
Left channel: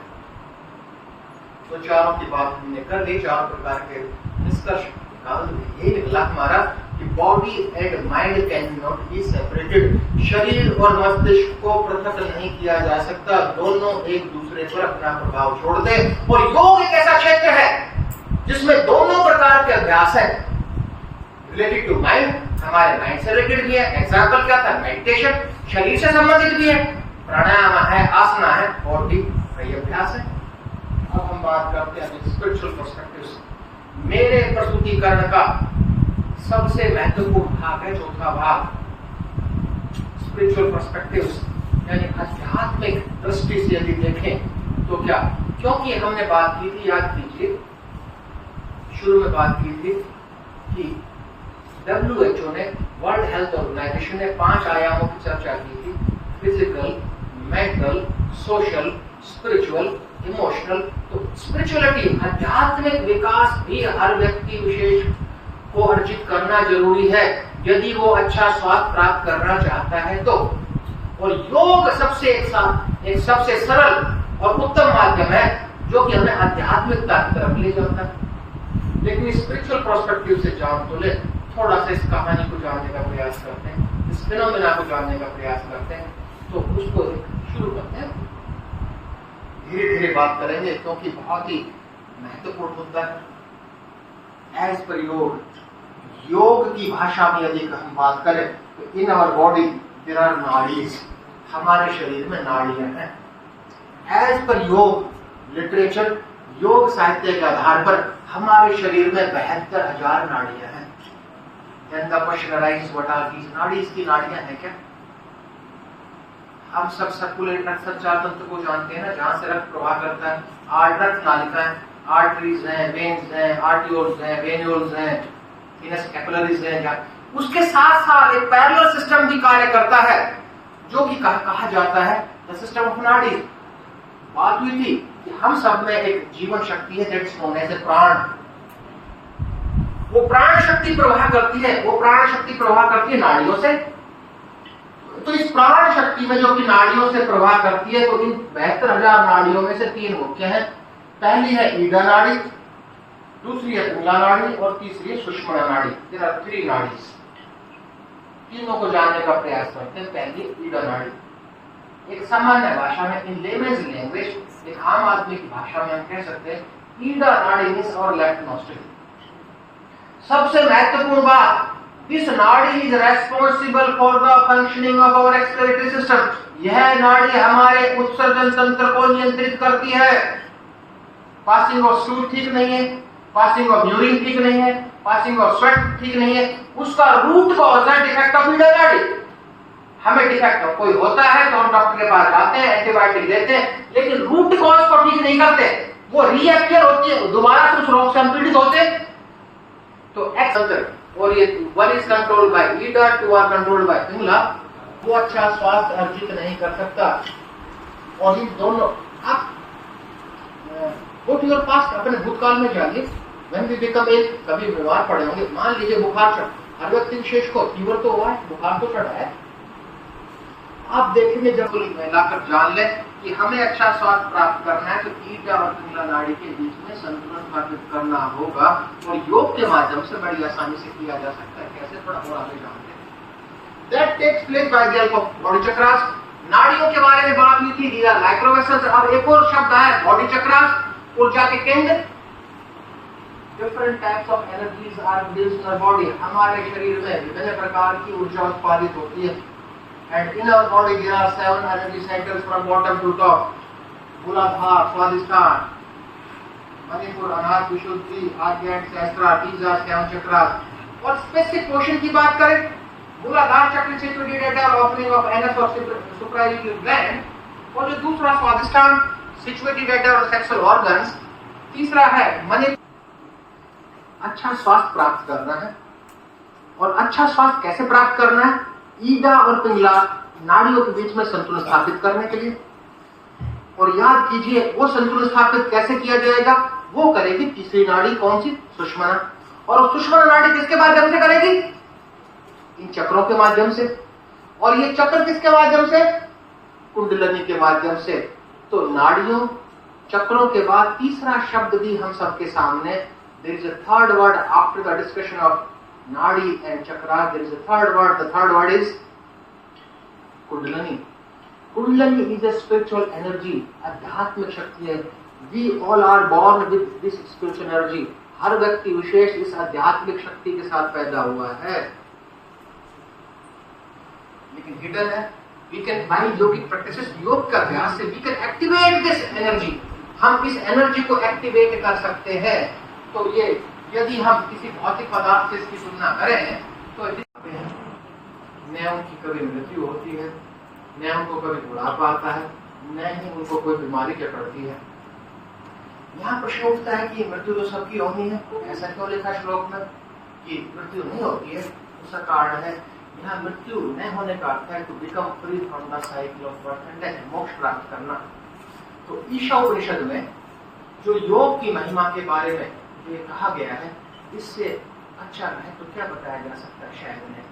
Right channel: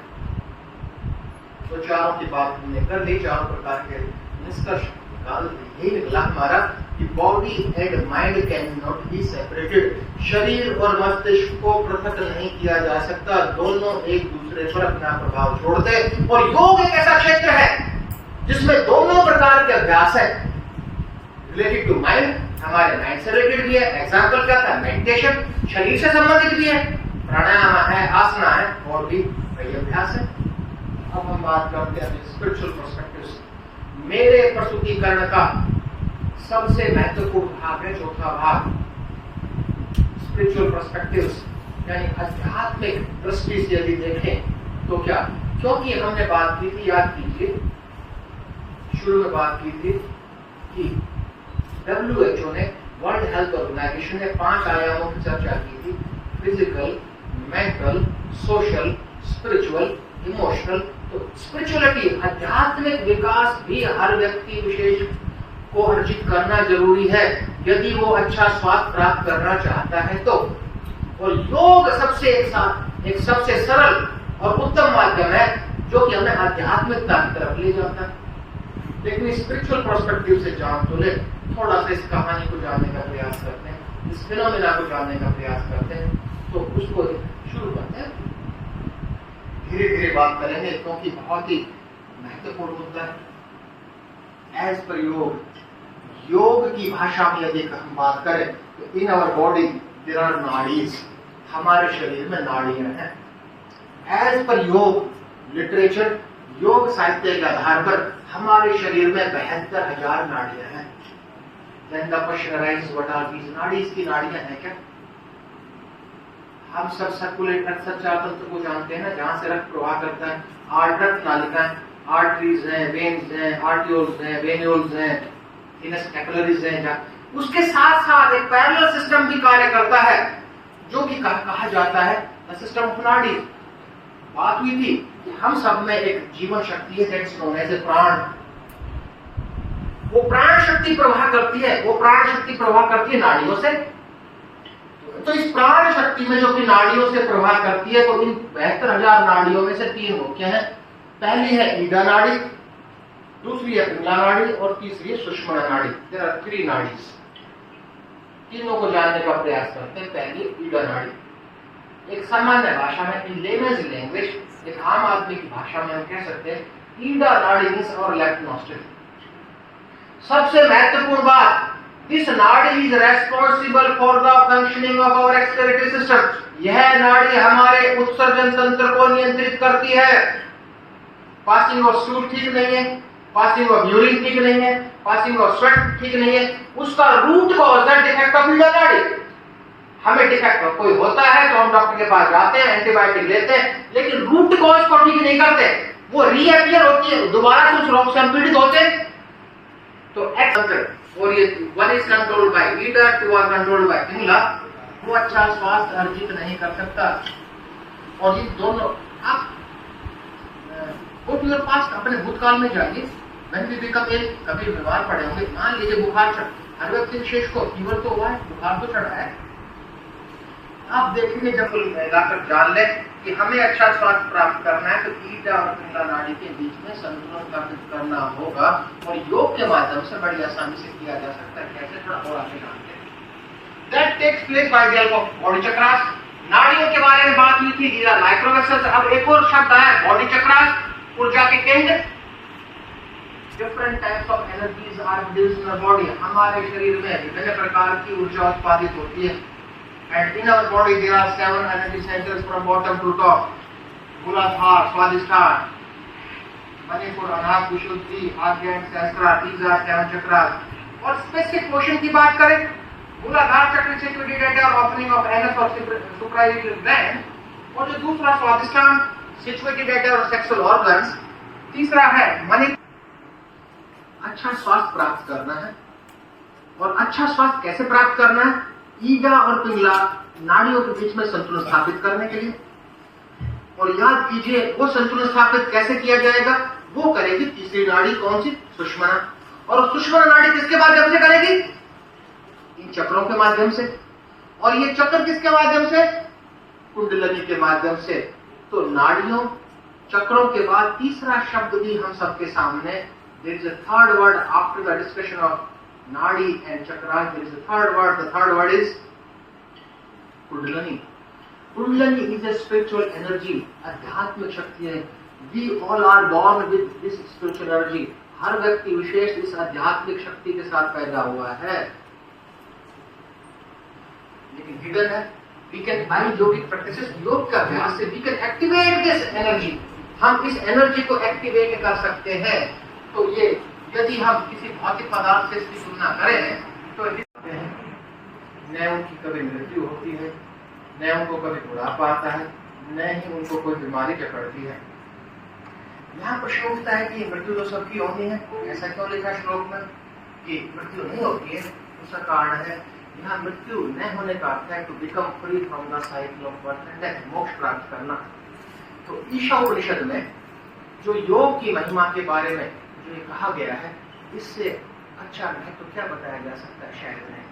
तो चारों की बात हमने कर ली, चारों प्रकार के निष्कर्ष यही निकला हमारा कि body and mind can not be separated. शरीर और मस्तिष्क को पृथक नहीं किया जा सकता, दोनों एक दूसरे पर अपना प्रभाव छोड़ते हैं। और योग एक ऐसा क्षेत्र है जिसमें दोनों प्रकार के अभ्यास है, रिलेटेड टू माइंड, हमारे माइंड से रिलेटेड भी है। एग्जाम्पल क्या था? मेडिटेशन, शरीर से संबंधित भी है, प्राणायाम है, आसना है और भी कई अभ्यास है। अब हम बात करते हैं स्पिरिचुअल पर्सपेक्टिव से। मेरे प्रस्तुतिकरण का सबसे महत्वपूर्ण भाग है चौथा भाग, स्पिरिचुअल पर्सपेक्टिव्स, यानी आध्यात्मिक दृष्टि से यदि देखें तो क्या, क्योंकि हमने बात की थी, याद कीजिए शुरू में बात की थी कि WHO ने, वर्ल्ड हेल्थ ऑर्गेनाइजेशन ने 5 आयामों की चर्चा की थी, physical, mental, social, spiritual, emotional. तो स्पिरिचुअलिटी, आध्यात्मिक विकास भी हर व्यक्ति विशेष को अर्जित करना जरूरी है यदि वो अच्छा स्वास्थ्य प्राप्त करना चाहता है तो। और योग एक सबसे सरल और उत्तम माध्यम है जो कि हमें आध्यात्मिकता की तरफ ले जाता है। लेकिन स्पिरिचुअल पर्सपेक्टिव से जान तो ले, थोड़ा सा इस कहानी को जानने का प्रयास करते हैं, इस फिनोमेना को जानने का प्रयास करते हैं, तो उसको शुरू करते हैं। धीरे धीरे बात करेंगे क्योंकि बहुत ही महत्वपूर्ण मुद्दा है। एज पर योग की भाषा में यदि हम बात करें तो in our body there are nadis, हमारे शरीर में नाड़ियां हैं। एज पर योग लिटरेचर, योग साहित्य के आधार पर हमारे शरीर में 72,000 नाड़ियां हैं। Then the question arises, what are these नाड़ी? की नाड़ियां हैं क्या? हम सब सर्कुलेट रक्त संचार तंत्र को जानते हैं ना, जहां से रक्त प्रवाह करता है। रक्त नालिकाएं, आर्टरीज हैं, वेन्स हैं, आर्टियोल्स हैं, वेन्यूल्स हैं, इनस कैपिलरीज हैं। क्या उसके साथ साथ एक पैरेलल सिस्टम भी कार्य करता है जो कि कहा जाता है द सिस्टम ऑफ नाड़ी। बात हुई थी कि हम सब में एक जीवन शक्ति है, दैट्स नोन एज ए प्राण। वो प्राण शक्ति प्रवाह करती है, वो प्राण शक्ति प्रवाह करती है नाड़ियों से। तो इस प्राण शक्ति में जो कि नाड़ियों से प्रवाह करती है, तो इन 72,000 नाड़ियों में से 3 मुख्य हैं। पहली है ईडा नाड़ी, दूसरी है पिंगला नाड़ी और तीसरी है सुषुम्ना नाड़ी। There are 3 nadis. तीनों को जानने का प्रयास करते हैं। पहली ईडा नाड़ी। एक सामान्य भाषा में, इन लेमेन्स लैंग्वेज, एक आम आदमी की भाषा में हम कह सकते हैं ईडा नाड़ी मींस और लेफ्ट नॉस्ट्रिल। सबसे महत्वपूर्ण बात, this nadi is responsible for the functioning of our excretory system. यह नाड़ी हमारे उत्सर्जन तंत्र को नियंत्रित करती है। पासिंग ऑफ स्टूल ठीक नहीं है, पासिंग ऑफ यूरिन ठीक नहीं है, पासिंग ऑफ स्वेट ठीक नहीं है। उसका रूट कॉज है डिफेक्ट ऑफ ईडा नाड़ी। हमें डिफेक्ट कोई होता है तो हम डॉक्टर के पास जाते हैं, एंटीबायोटिक लेते हैं, लेकिन रूट कॉज को ठीक नहीं करते, वो रीअपियर होती है, दोबारा से उस रोग से हम पीड़ित होते हैं। तो और ये one is controlled by Ida, 2 are controlled by Pingala. वो अच्छा स्वास्थ्य अर्जित नहीं कर सकता। और ये दोनों आप गो टू योर पास्ट, अपने भूतकाल में जाइए। व्हेन वी बिकम इल, कभी बीमार पड़े होंगे, मान लीजिए बुखार चढ़, हर व्यक्ति विशेष को फीवर तो हुआ है, बुखार तो चढ़ा है। आप देखेंगे जब लाकर जान ले कि हमें अच्छा स्वास्थ्य प्राप्त करना है तो ईडा और पिंगला नाड़ी के बीच में संतुलन स्थापित करना होगा। और योग के माध्यम से बड़ी आसानी से किया जा सकता है। कैसे, थोड़ा और आगे जानते हैं। That takes place by the help of body chakras. नाड़ियों के बारे में बात हुई थी, दीज आर माइक्रो वेसल्स। अब एक और शब्द आया बॉडी चक्रास, ऊर्जा के केंद्र। Different types of energies are produced in our body. हमारे शरीर में विभिन्न प्रकार की ऊर्जा उत्पादित होती है। And in our body there are 7 energy centers from bottom to top. Muladhara, Swadhisthana, Manipur, Anahata, Vishuddhi, Agnya, Sahasrara, these are 7 chakras. और स्पेसिफिक पोर्शन की बात करें, मूलाधार चक्र situated at opening of anus or suprarenal gland, और जो दूसरा स्वादिष्ठान situated at our sexual organs, तीसरा है मणिपुर। अच्छा स्वास्थ्य प्राप्त करना है, और अच्छा स्वास्थ्य कैसे प्राप्त करना है? ईडा और पिंगला नाड़ियों के बीच में संतुलन स्थापित करने के लिए। और याद कीजिए वो संतुलन स्थापित कैसे किया जाएगा? वो करेगी तीसरी नाड़ी, कौन सी? सुषुम्ना। और सुषुम्ना नाड़ी किसके माध्यम से करेगी? इन चक्रों के माध्यम से। और ये चक्र किसके माध्यम से? कुंडलिनी के माध्यम से। तो नाड़ियों, चक्रों के बाद तीसरा शब्द भी हम सबके सामने, there is a third word after the discussion of Nadi and chakras. There is a third word. The third word is Kundalini. Kundalini is a spiritual energy. आध्यात्मिक शक्ति है। We all are born with this spiritual energy. हर व्यक्ति विशेष इस आध्यात्मिक शक्ति के साथ पैदा हुआ है, लेकिन हिडन है। We can by yogic practices, योग का अभ्यास से we can activate this energy. हम इस एनर्जी को एक्टिवेट कर सकते हैं। तो ये यदि हम किसी भौतिक पदार्थ से इसकी तुलना करें तो न उनकी कभी मृत्यु होती है, न उनको कभी बुढ़ापा आता है, न ही उनको कोई बीमारी चढ़ती है। यहाँ प्रश्न उठता है कि मृत्यु तो सबकी होनी है, ऐसा क्यों लिखा श्लोक में कि मृत्यु नहीं होती है? उसका कारण है यहाँ मृत्यु न होने का अर्थ है to become free from the cycle of birth and death, मोक्ष प्राप्त करना। तो ईशा उपनिषद में जो योग की महिमा के बारे में जो ये कहा गया है, इससे अच्छा है तो क्या बताया जा सकता है शायद नहीं।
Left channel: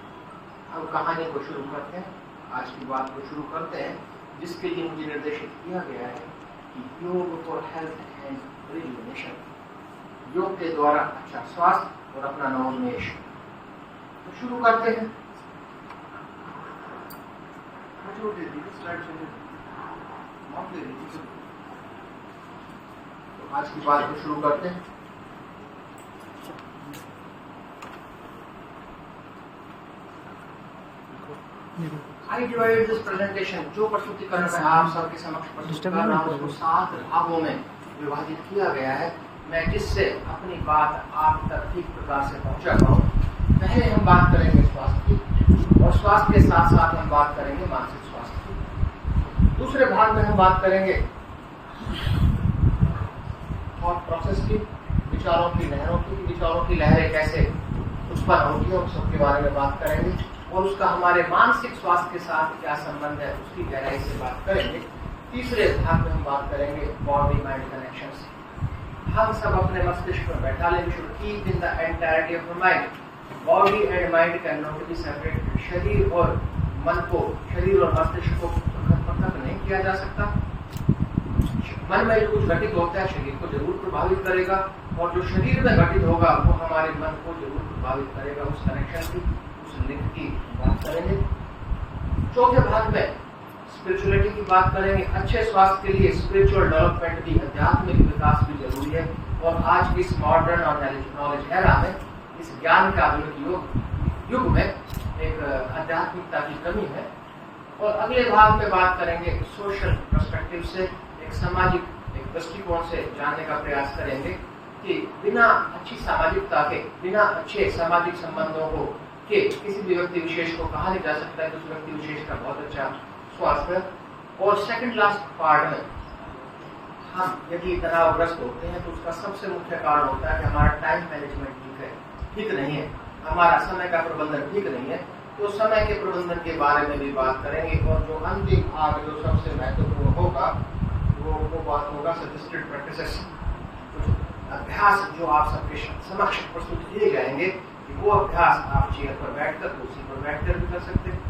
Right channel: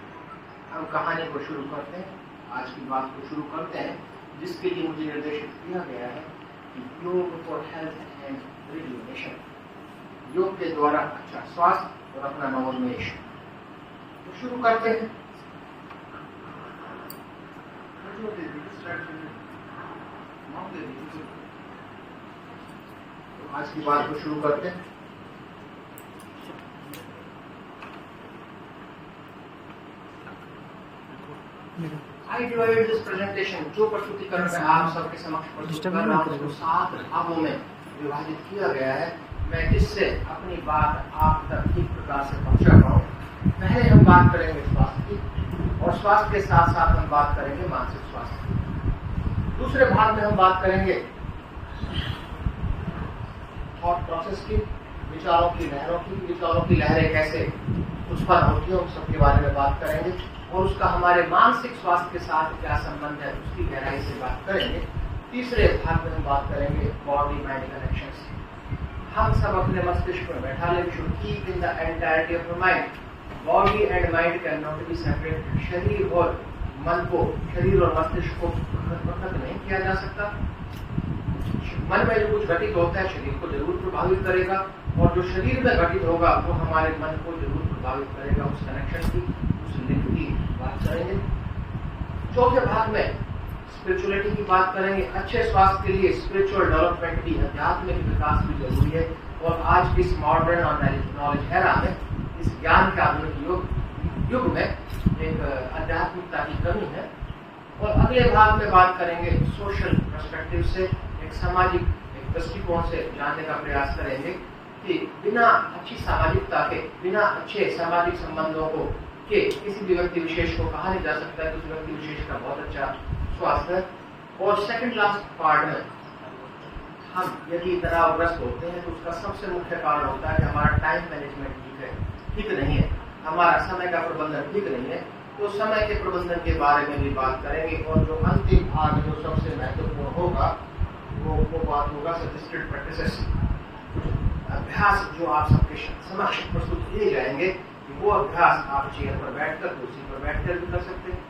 अब कहानी को शुरू करते हैं, आज की बात को शुरू करते हैं, जिसके लिए मुझे निर्देशित किया गया है कि योग फॉर हेल्थ एंड रिजुवेनेशन, योग के द्वारा अच्छा स्वास्थ्य और अपना नवोन्मेष। तो शुरू करते हैं। तो आज की बात को शुरू करते हैं। I divided this presentation, जो प्रस्तुतिकरण में आप सबके समक्ष प्रस्तुत कर रहा हूं, उसको 7 भागों में विभाजित किया गया है, मैं जिससे अपनी बात आप तक ठीक प्रकार से पहुंचा पाऊं। पहले हम बात करेंगे स्वास्थ्य की, और स्वास्थ्य के साथ साथ हम बात करेंगे मानसिक स्वास्थ्य की। दूसरे भाग में हम बात करेंगे थॉट प्रोसेस की, विचारों की लहरों की, विचारों की लहरें कैसे उत्पन्न होती है, उस सबके बारे में बात करेंगे, और उसका हमारे मानसिक स्वास्थ्य के साथ क्या संबंध है उसकी गहराई से बात करेंगे। तीसरे भाग में हम बात करेंगे बॉडी माइंड कनेक्शन से। हम सब अपने मस्तिष्क में बैठा ले, we should keep in the entirety of the mind. Body and mind can not be separated. शरीर और मन को, शरीर और मस्तिष्क को पृथक नहीं किया जा सकता। मन में जो कुछ घटित होता है शरीर को जरूर प्रभावित करेगा, और जो शरीर में घटित होगा वो हमारे मन को जरूर प्रभावित करेगा। उस कनेक्शन की, उस लिंक की बात करेंगे। चौथे भाग में स्पिरिचुअलिटी की बात करेंगे। अच्छे स्वास्थ्य के लिए स्पिरिचुअल डेवलपमेंट की, आध्यात्मिक विकास भी जरूरी है, और आज की इस मॉडर्न और नॉलेज एरा में, इस ज्ञान का युग में एक आध्यात्मिकता की कमी है। और अगले भाग में बात करेंगे सोशल पर्सपेक्टिव से, एक सामाजिक एक दृष्टिकोण से जानने का प्रयास करेंगे कि बिना अच्छी सामाजिकता के, बिना अच्छे सामाजिक संबंधों को के किसी भी व्यक्ति विशेष को कहा नहीं जा सकता है कि उस व्यक्ति विशेष का बहुत अच्छा स्वास्थ्य है। और सेकंड लास्ट पार्ट में हम यदि तनावग्रस्त होते हैं तो उसका सबसे मुख्य कारण होता है कि हमारा टाइम मैनेजमेंट ठीक नहीं है, हमारा समय का प्रबंधन ठीक नहीं है। तो समय के प्रबंधन के बारे में भी बात करेंगे। और जो अंतिम भाग जो सबसे महत्वपूर्ण होगा वो बात होगा सजेस्टेड प्रैक्टिसेस, अभ्यास जो आप सबके समक्ष प्रस्तुत किए जाएंगे। वो अभ्यास आप चेयर पर बैठकर, कुर्सी पर बैठकर भी कर सकते हैं।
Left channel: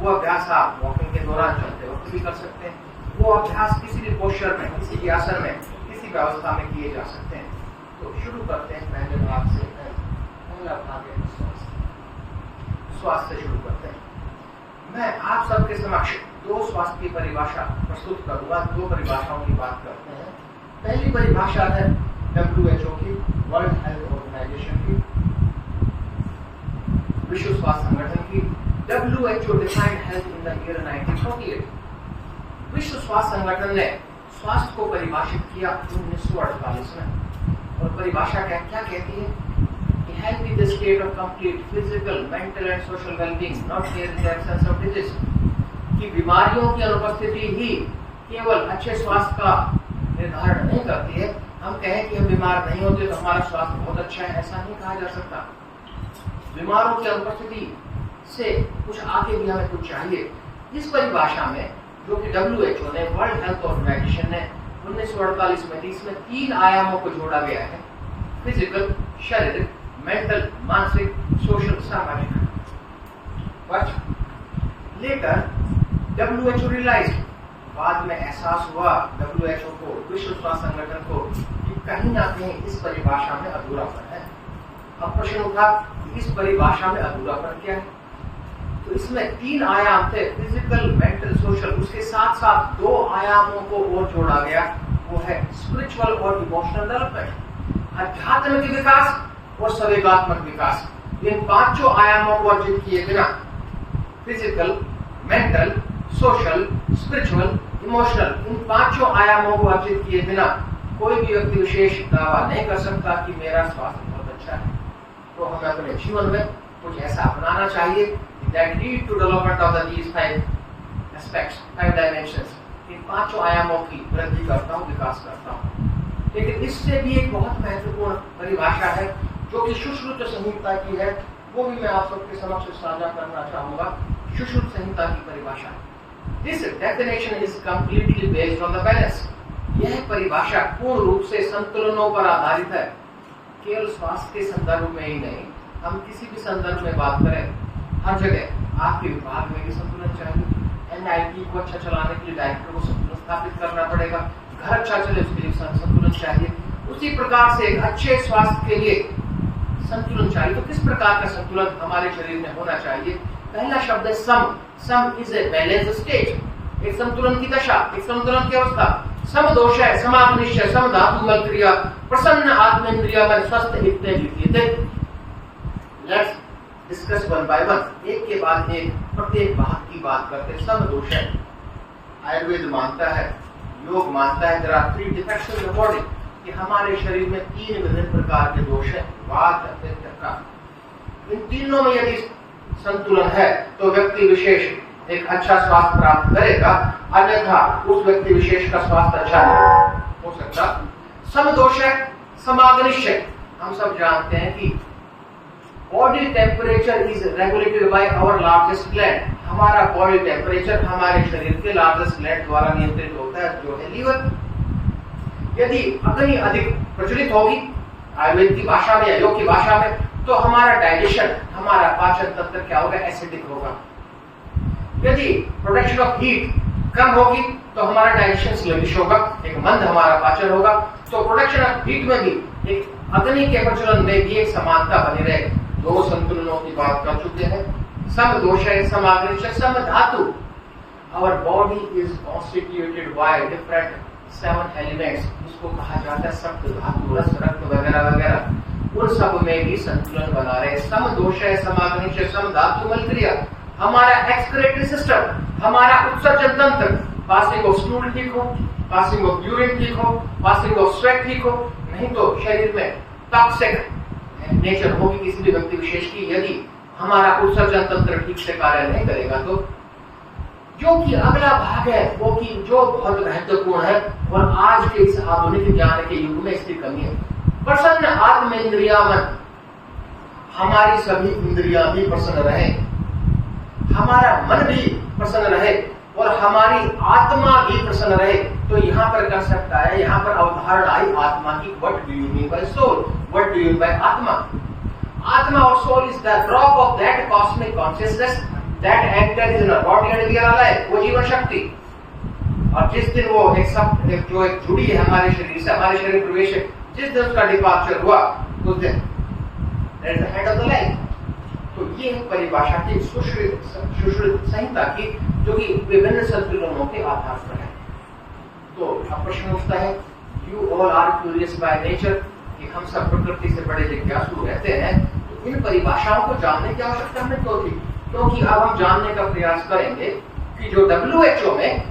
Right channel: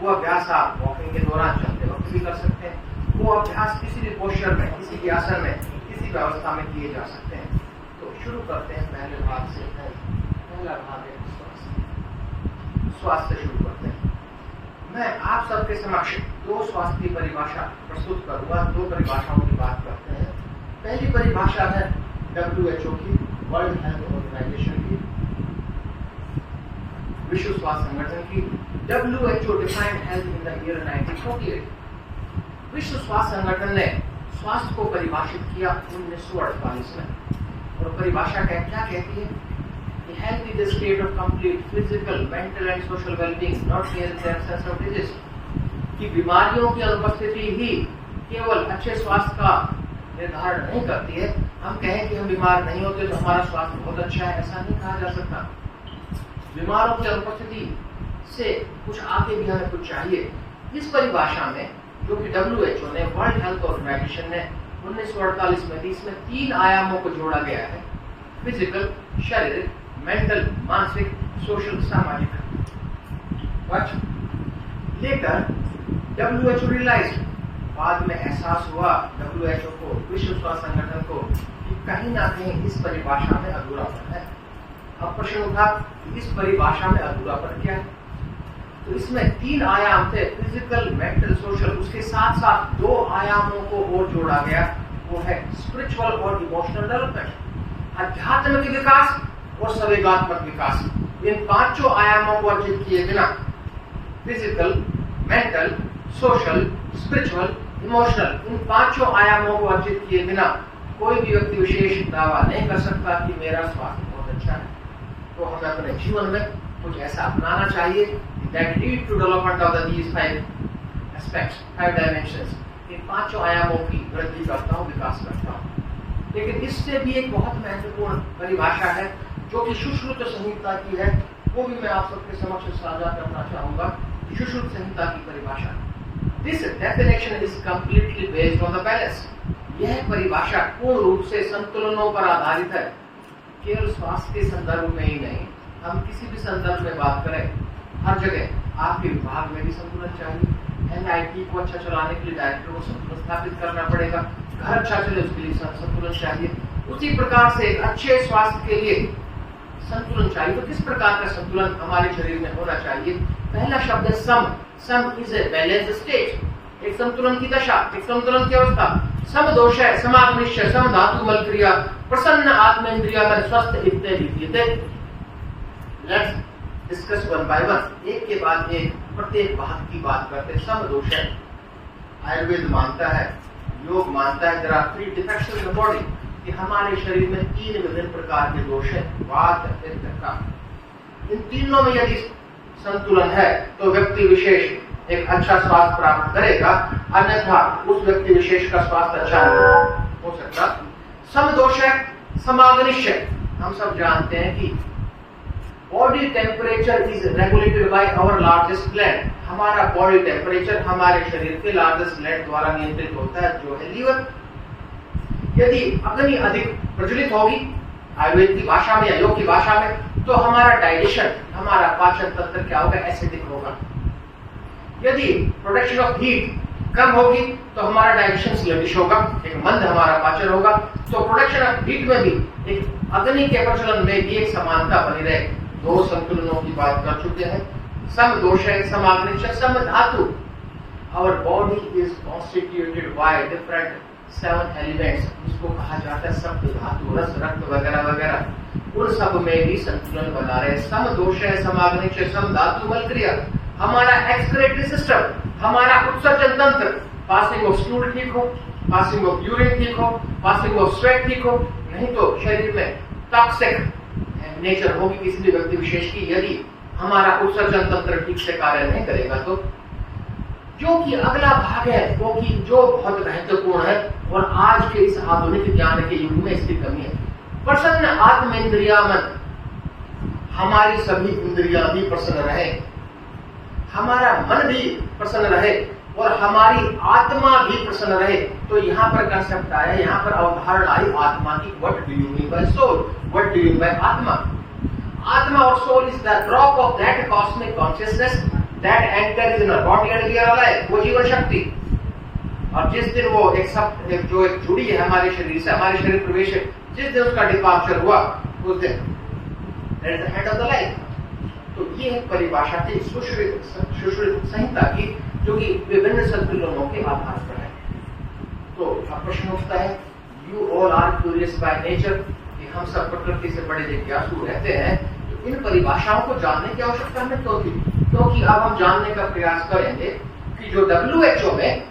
वो अभ्यास आप वॉकिंग के दौरान चलते वक्त भी कर सकते हैं। वो अभ्यास किसी भी पोस्चर में, किसी भी आसन में, किसी भी अवस्था में किए जा सकते हैं। तो शुरू करते हैं पहले भाग से। पहला भाग है स्वास्थ्य से शुरू करते हैं। मैं आप सबके समक्ष 2 स्वास्थ्य की परिभाषा प्रस्तुत करूंगा। 2 परिभाषाओं की बात करते हैं। पहली परिभाषा है WHO की, वर्ल्ड हेल्थ ऑर्गेनाइजेशन की, विश्व स्वास्थ्य संगठन की। WHO defined health in the year 1948। विश्व स्वास्थ्य संगठन ने स्वास्थ्य को परिभाषित किया 1948 में। और परिभाषा क्या कहती है? Health is the state of complete physical, mental and social well-being, not mere in the absence of disease. कि बीमारियों की अनुपस्थिति ही केवल अच्छे स्वास्थ्य का निर्धारण नहीं करती है। हम कहें कि हम बीमार नहीं होते तो हमारा स्वास्थ्य बहुत अच्छा है, ऐसा नहीं कहा जा सकता। बीमारों की अनुपस्थिति से कुछ आगे भी हमें कुछ चाहिए। इस परिभाषा में जो कि WHO ने, वर्ल्ड हेल्थ ऑर्गेनाइजेशन ने 1948 में, इसमें 3 आयामों को जोड़ा गया है। फिजिकल, शारीरिक, मेंटल, मानसिक, सोशल, सामाजिक। बट लेटर WHO रियलाइज्ड, बाद में एहसास हुआ WHO को, विश्व स्वास्थ्य संगठन को, कि कहीं ना कहीं इस परिभाषा में अधूरापन है। अब प्रश्न उठा कि इस परिभाषा में अधूरापन क्या है? तो इसमें 3 आयाम थे, फिजिकल, मेंटल, सोशल। उसके साथ साथ 2 आयामों को और जोड़ा गया, वो है स्पिरिचुअल और इमोशनल डेवलपमेंट। आध्यात्मिक विकास और संवेगात्मक विकास, इन पांचों आयामों को अर्जित किए बिना physical, mental, social, spiritual, emotional, इन पांचों आयामों को अर्जित किए बिना कोई भी व्यक्ति विशेष दावा नहीं कर सकता कि मेरा स्वास्थ्य बहुत अच्छा है। तो हमें अपने जीवन में कुछ ऐसा अपनाना चाहिए that lead to development of these five aspects, five dimensions, इन पांचों आयामों की वृद्धि करता हूँ, विकास करता हूँ। लेकिन इससे भी एक बहुत महत्वपूर्ण परिभाषा है जो कि सुश्रुत संहिता की है, वो भी मैं आप सबके समक्ष साझा करना चाहूंगा। सुश्रुत संहिता की परिभाषा, this definition is completely based on the balance. यह परिभाषा पूर्ण रूप से संतुलनों पर आधारित है। केवल स्वास्थ्य के संदर्भ में ही नहीं, हम किसी भी संदर्भ में बात करें, हर जगह आपके विभाग में भी संतुलन चाहिए। एनआईटी को अच्छा चलाने के लिए डायरेक्टर को संतुलन स्थापित करना पड़ेगा। घर अच्छा चले उसके लिए संतुलन चाहिए। उसी प्रकार से एक अच्छे स्वास्थ्य के लिए संतुलन चाहिए। तो किस प्रकार का संतुलन हमारे शरीर में होना चाहिए? पहला शब्द है sam. Sam is a balance state, एक संतुलन की दशा, एक संतुलन की अवस्था। सम दोष है, समाग्निश्य, सम धातु मल क्रिया, प्रसन्न आत्मेंद्रिय मन स्वस्थ लिखते लिखते। Let's discuss one by one, एक के बाद एक प्रत्येक बात की बात करते। सम दोष है, आयुर्वेद मानता है, योग मानता है, there are three defects in the body, कि हमारे शरीर में तीन विभिन्न प्रकार के दोष हैं, वात, पित्त, कफ। इन तीनों में यदि संतुलन है तो व्यक्ति विशेष एक अच्छा स्वास्थ्य प्राप्त करेगा, अन्यथा उस व्यक्ति विशेष का स्वास्थ्य अच्छा नहीं हो सकता। सम दोष है, समाग्निश्य, हम सब जानते हैं कि body temperature is regulated by our largest gland. हमारा बॉडी टेम्परेचर हमारे शरीर के लार्जेस्ट ग्लैंड द्वारा नियंत्रित होता है, जो है लीवर। यदि अग्नि अधिक प्रज्वलित होगी आयुर्वेद की भाषा में या योग की भाषा में, तो हमारा डाइजेशन, हमारा पाचन तंत्र क्या होगा? एसिडिक होगा। यदि प्रोडक्शन ऑफ हीट कम होगी तो हमारा डाइजेशन स्लगिश होगा, एक मंद हमारा पाचन होगा। तो प्रोडक्शन ऑफ हीट में भी एक अग्नि के प्रज्वलन में भी एक समानता बनी रहे। दो संतुलनों की बात कर चुके हैं। सम दोष है, समाग्निश्य, सम धातु। Our body is constituted by different 7 elements, जिसको कहा जाता है सप्त धातु, रस, रक्त वगैरह वगैरह। उन सब में भी संतुलन बना रहे। सम दोष है, समाग्निश्य, सम धातु मल क्रिया। हमारा एक्सक्रीटरी सिस्टम, हमारा उत्सर्जन तंत्र, पासिंग ऑफ स्टूल ठीक हो, पासिंग ऑफ यूरिन ठीक हो, पासिंग ऑफ स्वेट ठीक हो, नहीं तो शरीर में टॉक्सिक नेचर होगी किसी भी व्यक्ति विशेष की, यदि हमारा उत्सर्जन तंत्र ठीक से कार्य नहीं करेगा। तो जो कि अगला भाग है वो कि जो बहुत महत्वपूर्ण है और आज के इस आधुनिक ज्ञान के युग में इसकी कमी है। प्रसन्न आत्मेंद्रिया मन, हमारी सभी इंद्रियां भी प्रसन्न रहे, हमारा मन भी प्रसन्न रहे और हमारी आत्मा भी प्रसन्न रहे। तो यहाँ पर कंसेप्ट आया, यहाँ पर अवधारणा आई आत्मा की। What do you mean by soul? What do you mean by atma? आत्मा और soul is the drop of that cosmic consciousness that enters in a body and we are alive. वो जीवन शक्ति, और जिस दिन वो एक जुड़ी है हमारे शरीर से, हमारे शरीर प्रवेश है, जिस दिन उसका डिपार्चर हुआ उस दिन that is the head of the life. तो ये है परिभाषा की सुश्रुत संहिता की, जो कि विभिन्न संतुलनों के आधार पर है। तो अब प्रश्न उठता है, you all are curious by nature, कि हम सब प्रकृति से बड़े जिज्ञासु रहते हैं। तो इन परिभाषाओं को जानने की आवश्यकता हमें क्यों थी? क्योंकि अब हम जानने का प्रयास करेंगे कि जो WHO में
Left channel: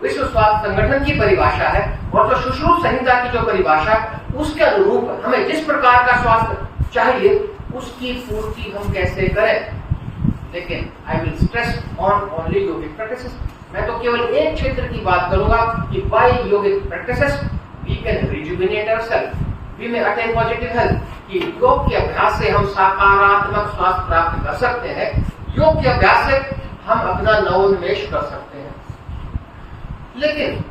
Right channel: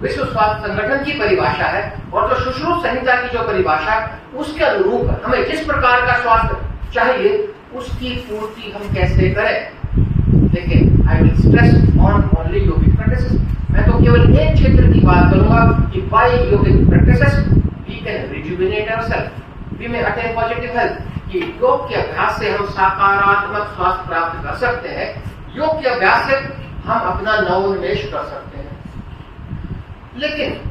विश्व स्वास्थ्य संगठन की परिभाषा है और जो सुश्रुत संहिता की जो परिभाषा, उसके अनुरूप हमें जिस प्रकार का स्वास्थ्य चाहिए उसकी पूर्ति हम कैसे करें। लेकिन I will stress on only yogic practices. मैं तो केवल एक क्षेत्र की बात करूंगा कि by yogic practices we can rejuvenate ourself, we may attain positive health. कि योग के अभ्यास से हम सकारात्मक स्वास्थ्य प्राप्त कर सकते हैं। योग के अभ्यास से हम अपना नवोन्मेष कर सकते हैं। लेकिन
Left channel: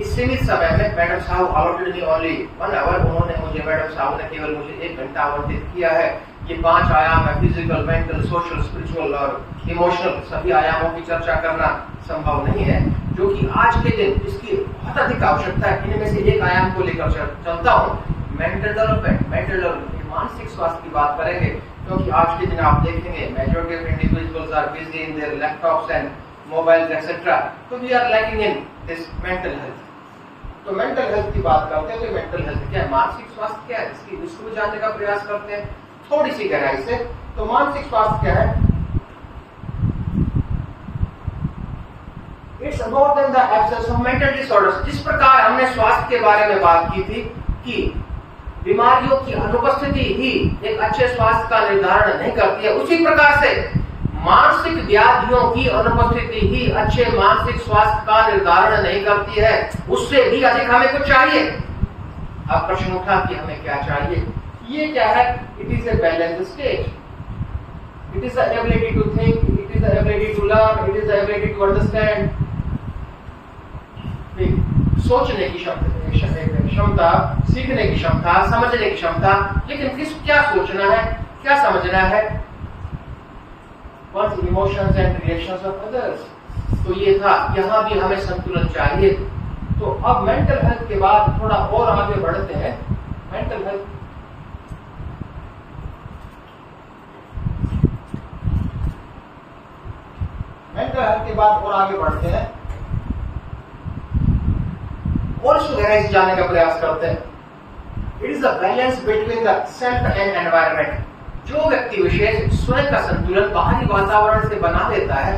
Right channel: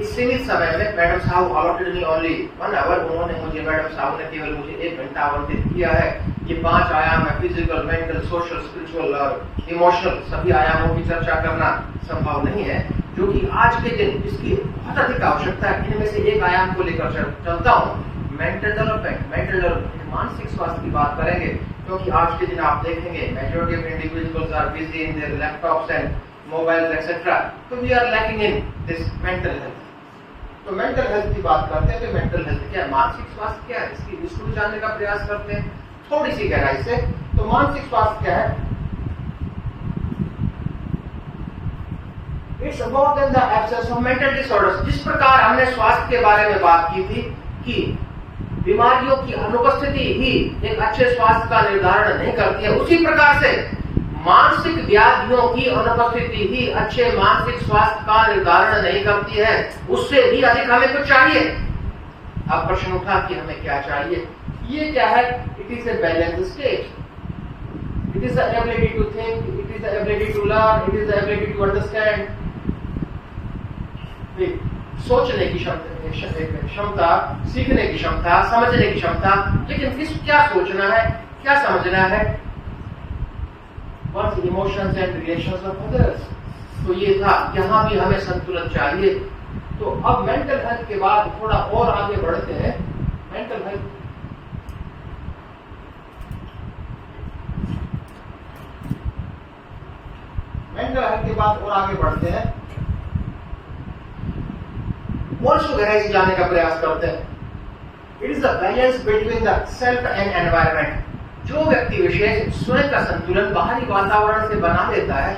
इस सीमित समय में मैडम साहब अलॉटेड मी ओनली 1 आवर। उन्होंने मुझे, मैडम साहब ने केवल मुझे 1 घंटा आवंटित किया है। ये 5 आयाम है, फिजिकल, मेंटल, सोशल, स्पिरिचुअल और इमोशनल, सभी आयामों की चर्चा करना संभव नहीं है, जो कि आज के दिन इसकी बहुत अधिक आवश्यकता है। इनमें से एक आयाम को लेकर चलता हूँ, मेंटल डेवलपमेंट। मेंटल डेवलपमेंट, मानसिक स्वास्थ्य की बात करेंगे, क्योंकि आज के दिन आप देखेंगे majority of individuals are busy in their laptops and mobiles etcetera, तो we are lacking in this mental health. तो मेंटल हेल्थ की बात करते हैं तो मेंटल हेल्थ क्या है, मानसिक स्वास्थ्य क्या है, इसको भी जानने का प्रयास करते हैं थोड़ी सी गहराई से। तो मानसिक स्वास्थ्य क्या है? It's more than the absence of mental disorders. जिस प्रकार हमने स्वास्थ्य के बारे में बात की थी कि बीमारियों की अनुपस्थिति ही एक अच्छे स्वास्थ्य का निर्धारण नहीं करती है, उसी प्रकार से मानसिक व्याधियों की अनुपस्थिति ही अच्छे मानसिक स्वास्थ्य का निर्धारण नहीं करती है, उससे भी अधिक हमें कुछ चाहिए। अब प्रश्न उठा कि हमें क्या चाहिए? ये क्या है? It is a balance state, it is the ability to think, it is the ability to learn, it is the ability to understand, सोचने की क्षमता, सीखने की क्षमता, समझने की क्षमता। लेकिन क्या सोचना है, क्या समझना है? One's emotions and relations of others। तो ये था, यहाँ भी हमें संतुलन चाहिए। तो अब मेंटल हेल्थ के बाद थोड़ा और आगे बढ़ते हैं। मेंटल हेल्थ के बाद और आगे बढ़ते हैं और इसको गहराई से जानने का प्रयास करते हैं। It is the balance between the self and environment. जो व्यक्ति विशेष स्वयं का संतुलन बाहरी वातावरण से बना लेता है,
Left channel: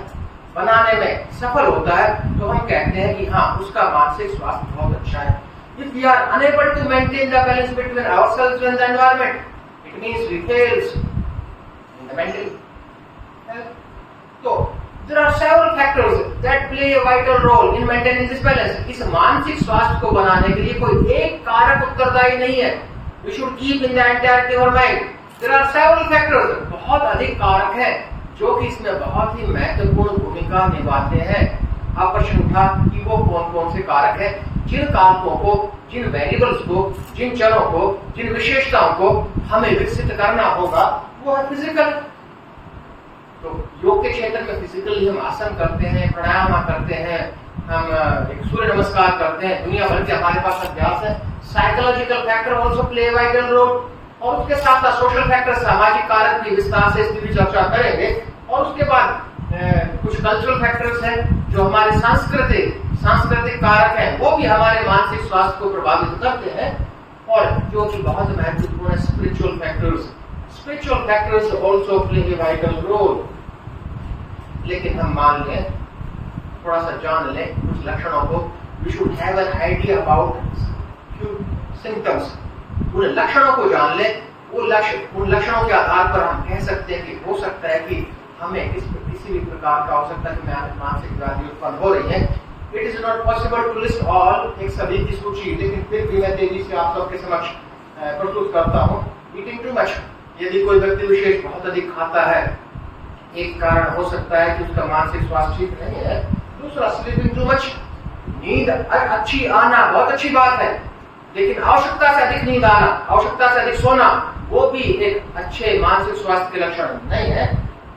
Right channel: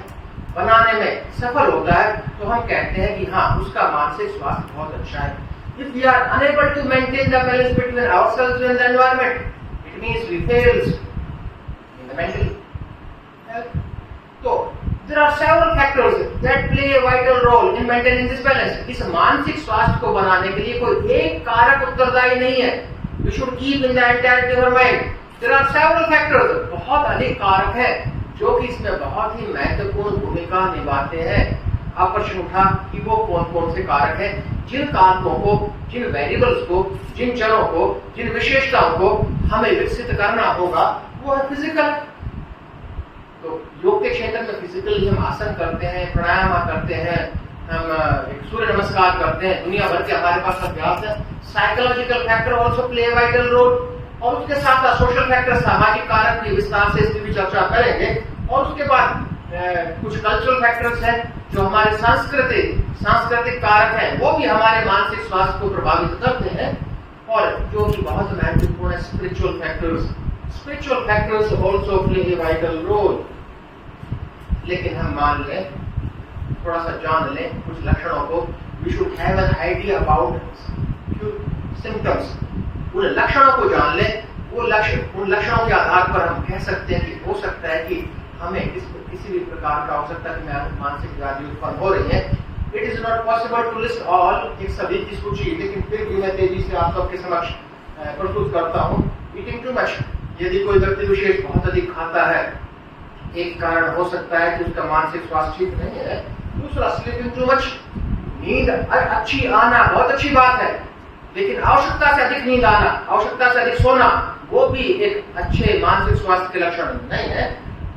बनाने में सफल होता है, तो हम कहते हैं कि हाँ, उसका मानसिक स्वास्थ्य बहुत अच्छा है। If we are unable to maintain the balance between ourselves and the environment, it means we fails in the mental health. So there are several factors that play a vital role in maintaining this balance। इस मानसिक स्वास्थ्य को बनाने के लिए कोई एक कारक उत्तरदायी नहीं है। We should keep in the entirety of our mind। There are several factors, बहुत अधिक कारक हैं जो कि इसमें बहुत ही महत्वपूर्ण भूमिका निभाते हैं। अब प्रश्न उठा कि वो कौन कौन से कारक हैं, जिन कारकों को, जिन वेरिएबल्स को, जिन चरों को, जिन विशेषताओं को हमें विकसित करना होगा, वो है फिजिकल। तो योग के क्षेत्र में फिजिकली हम आसन करते हैं, प्राणायाम करते हैं, हम एक सूर्य नमस्कार करते हैं, दुनिया भर के हमारे पास अभ्यास है। Psychological factor also play vital role, और उसके साथ साथ सोशल फैक्टर, सामाजिक कारक की विस्तार से इसकी भी चर्चा करेंगे। और उसके बाद कुछ कल्चरल फैक्टर्स हैं जो हमारे सांस्कृतिक कारक हैं, वो भी हमारे मानसिक स्वास्थ्य को प्रभावित करते हैं। और जो कि बहुत महत्वपूर्ण है, spiritual factors also play a vital role. लेकिन हम मान लें, थोड़ा सा जान लें कुछ लक्षणों को। We should have an idea about symptoms. उन लक्षणों को जान लें, उन लक्षणों के आधार पर हम कह सकते हैं कि हो सकता है कि हमें किसी भी प्रकार का हो सकता है कि मानसिक व्याधि उत्पन्न हो रही है। It is not possible to list all, एक सभी की सूची, लेकिन फिर भी मैं तेजी से आप सबके समक्ष प्रस्तुत करता हूँ। ईटिंग टू मच, यदि कोई व्यक्ति विशेष बहुत अधिक खाता है, एक कारण हो सकता है कि उसका मानसिक स्वास्थ्य ठीक नहीं है। दूसरा, स्लीपिंग टू मच, नींद अच्छी आना बहुत अच्छी बात है, लेकिन आवश्यकता से अधिक नींद आना, आवश्यकता से अधिक सोना, वो भी एक अच्छे मानसिक स्वास्थ्य के लक्षण नहीं है।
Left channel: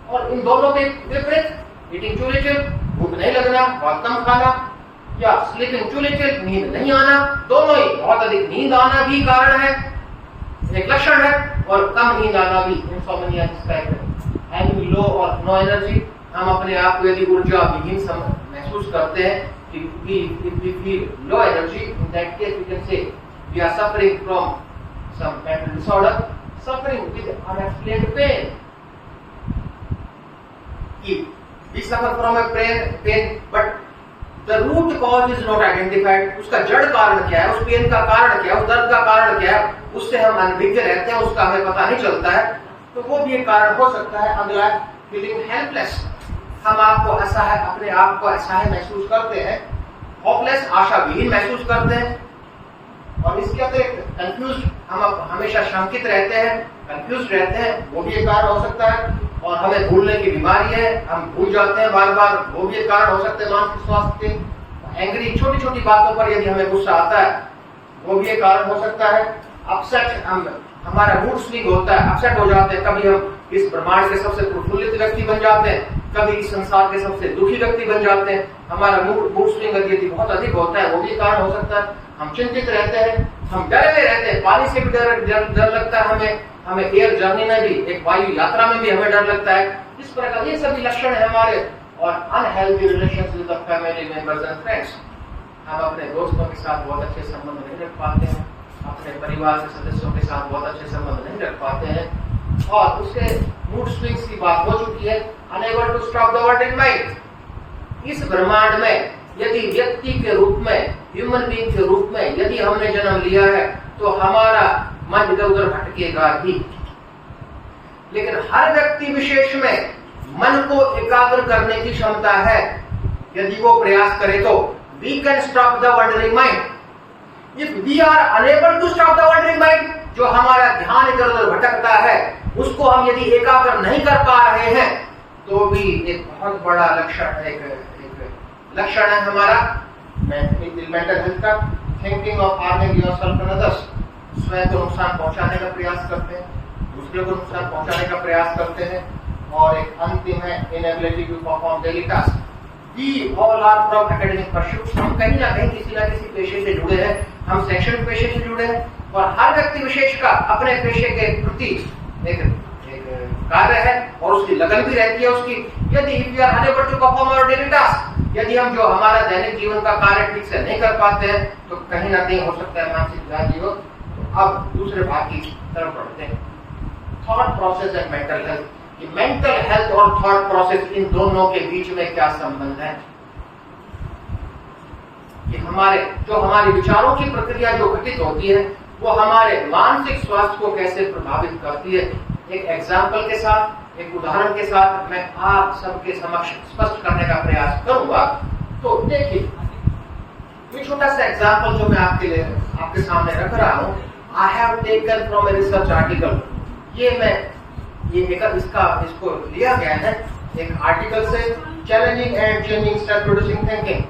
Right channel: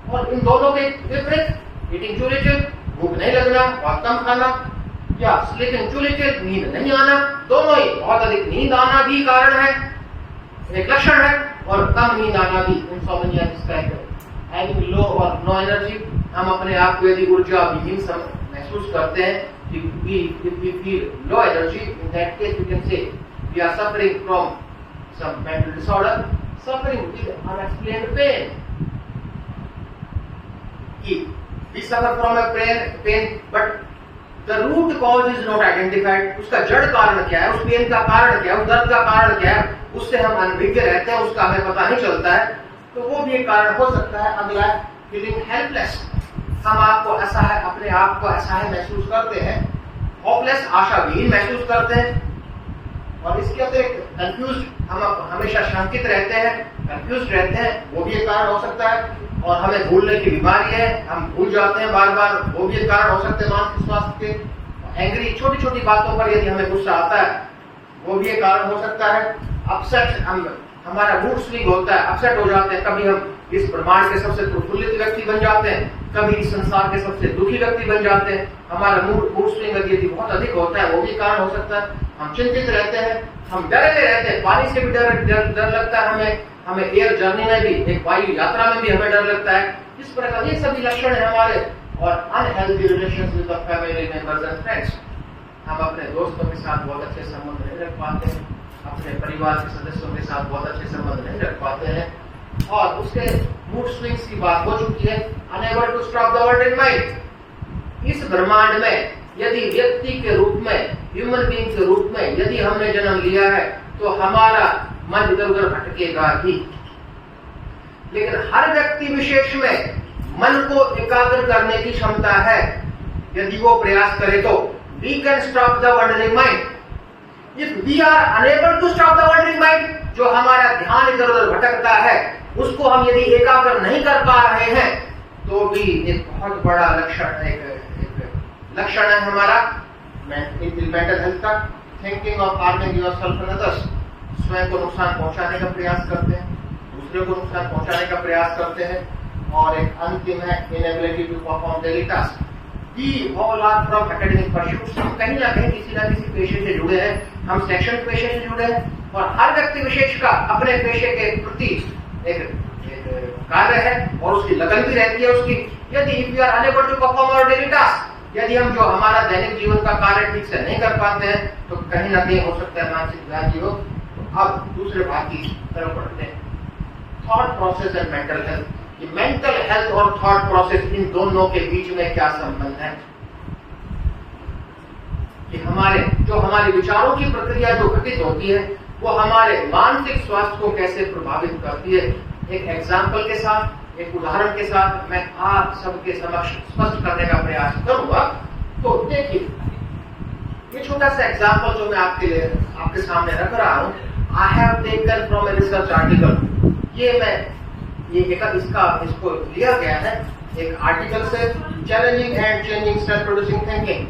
और इन दोनों के विपरीत, ईटिंग टू लिटिल, भूख नहीं लगना, बहुत कम खाना, या स्लीपिंग टू लिटिल, नींद नहीं आना, दोनों ही, बहुत अधिक नींद आना भी कारण है, एक लक्षण है, और कम नींद आना भी इंसोम्निया जिसका है। हैविंग लो और नो एनर्जी, हम अपने आप को यदि ऊर्जा विहीन महसूस करते हैं, if we feel low energy, in that case we can say we are suffering from some mental disorder, suffering with unexplained pain. We suffer from a pain, but the root cause is not identified। उसका जड़ कारण क्या है, उस pen का कारण क्या है, उस दर्द का कारण क्या है, उससे हम अनभिज्ञ रहते हैं, उसका हमें पता नहीं चलता है। तो वो भी एक कारण हो सकता है। अगला, फीलिंग हेल्पलेस, हम आपको असहाय, अपने आप को असहाय महसूस करते हैं, होपलेस, आशाविहीन महसूस करते हैं। और इसके अतिरिक्त कंफ्यूज, हम हमेशा शंकित रहते हैं, कंफ्यूज रहते हैं, वो भी एक कारण हो सकता है। और हमें भूलने की बीमारी है, हम भूल जाते हैं बार बार, वो भी एक कारण हो सकते हैं मानसिक स्वास्थ्य के। एंग्री, छोटी छोटी बातों पर यदि हमें गुस्सा आता है, वो भी एक कारण हो सकता है। अपसेट, हमारा मूड स्विंग होता है, अपसेट हो जाते हैं, कभी हम इस ब्रह्मांड के सबसे प्रफुल्लित व्यक्ति बन जाते हैं, कभी इस संसार के सबसे दुखी व्यक्ति बन जाते हैं। हमारा मूड स्विंग यदि बहुत अधिक होता है, वो भी कारण हो सकता है। हम चिंतित रहते हैं, हम डरे रहते हैं, पानी से भी डर लगता है हमें एयर जर्नी में भी, एक वायु यात्रा में भी हमें डर लगता है। इस प्रकार ये सभी लक्षण है हमारे। और unhealthy relations with the family members and friends, हम अपने दोस्तों के साथ बहुत अच्छे संबंध नहीं रख पाते हैं, अपने परिवार के सदस्यों के साथ बहुत अच्छे संबंध नहीं रख पाते हैं, और उसके मूड स्विंग्स की बात हो चुकी है, unable to stop the world in mind. इस ब्रह्मांड में यदि व्यक्ति के रूप में, ह्यूमन बीइंग के रूप में यदि हमने जन्म लिया है तो हमारा मन इधर उधर भटकेगा ही, लेकिन हर व्यक्ति विशेष में मन को एकाग्र करने की क्षमता है। यदि वो प्रयास करे तो we can stop the wandering mind. If we are unable to stop the wandering mind, जो हमारा ध्यान इधर उधर भटकता है उसको हम यदि एकाग्र नहीं कर पा रहे हैं तो भी एक बहुत बड़ा लक्षण है हमारा मेंटल हेल्थ का। Thinking of harming yourself and others, स्वयं को नुकसान पहुंचाने का प्रयास करते हैं, दूसरे को नुकसान पहुंचाने का प्रयास करते हैं, और एक अंतिम है inability to perform daily task. We all are from academic pursuits. हम कहीं ना कहीं किसी ना किसी पेशे से जुड़े हैं, हम शैक्षणिक पेशे से जुड़े हैं, और हर व्यक्ति विशेष का अपने पेशे के प्रति एक कार्य है और उसकी लगन भी रहती है उसकी। यदि we are unable to perform our daily task, यदि हम जो हमारा दैनिक जीवन का कार्य ठीक से नहीं कर पाते हैं तो कहीं ना कहीं हो सकता है मानसिक व्याधि हो। अब दूसरे भाग की तरफ बढ़ते हैं, thought process and mental health. ये मेंटल हेल्थ और थॉट प्रोसेस, इन दोनों के बीच में क्या संबंध है? कि हमारे विचारों की प्रक्रिया जो घटित होती है वो हमारे मानसिक स्वास्थ्य को कैसे प्रभावित करती है। एक एग्जाम्पल के साथ, एक उदाहरण के साथ मैं आप सबके समक्ष स्पष्ट करने का प्रयास करूंगा। तो देखिए, ये छोटा सा एग्जाम्पल जो मैं आपके सामने रख रहा हूं, I have taken from a research article. इसको लिया गया है एक आर्टिकल से, challenging and changing self producing thinking.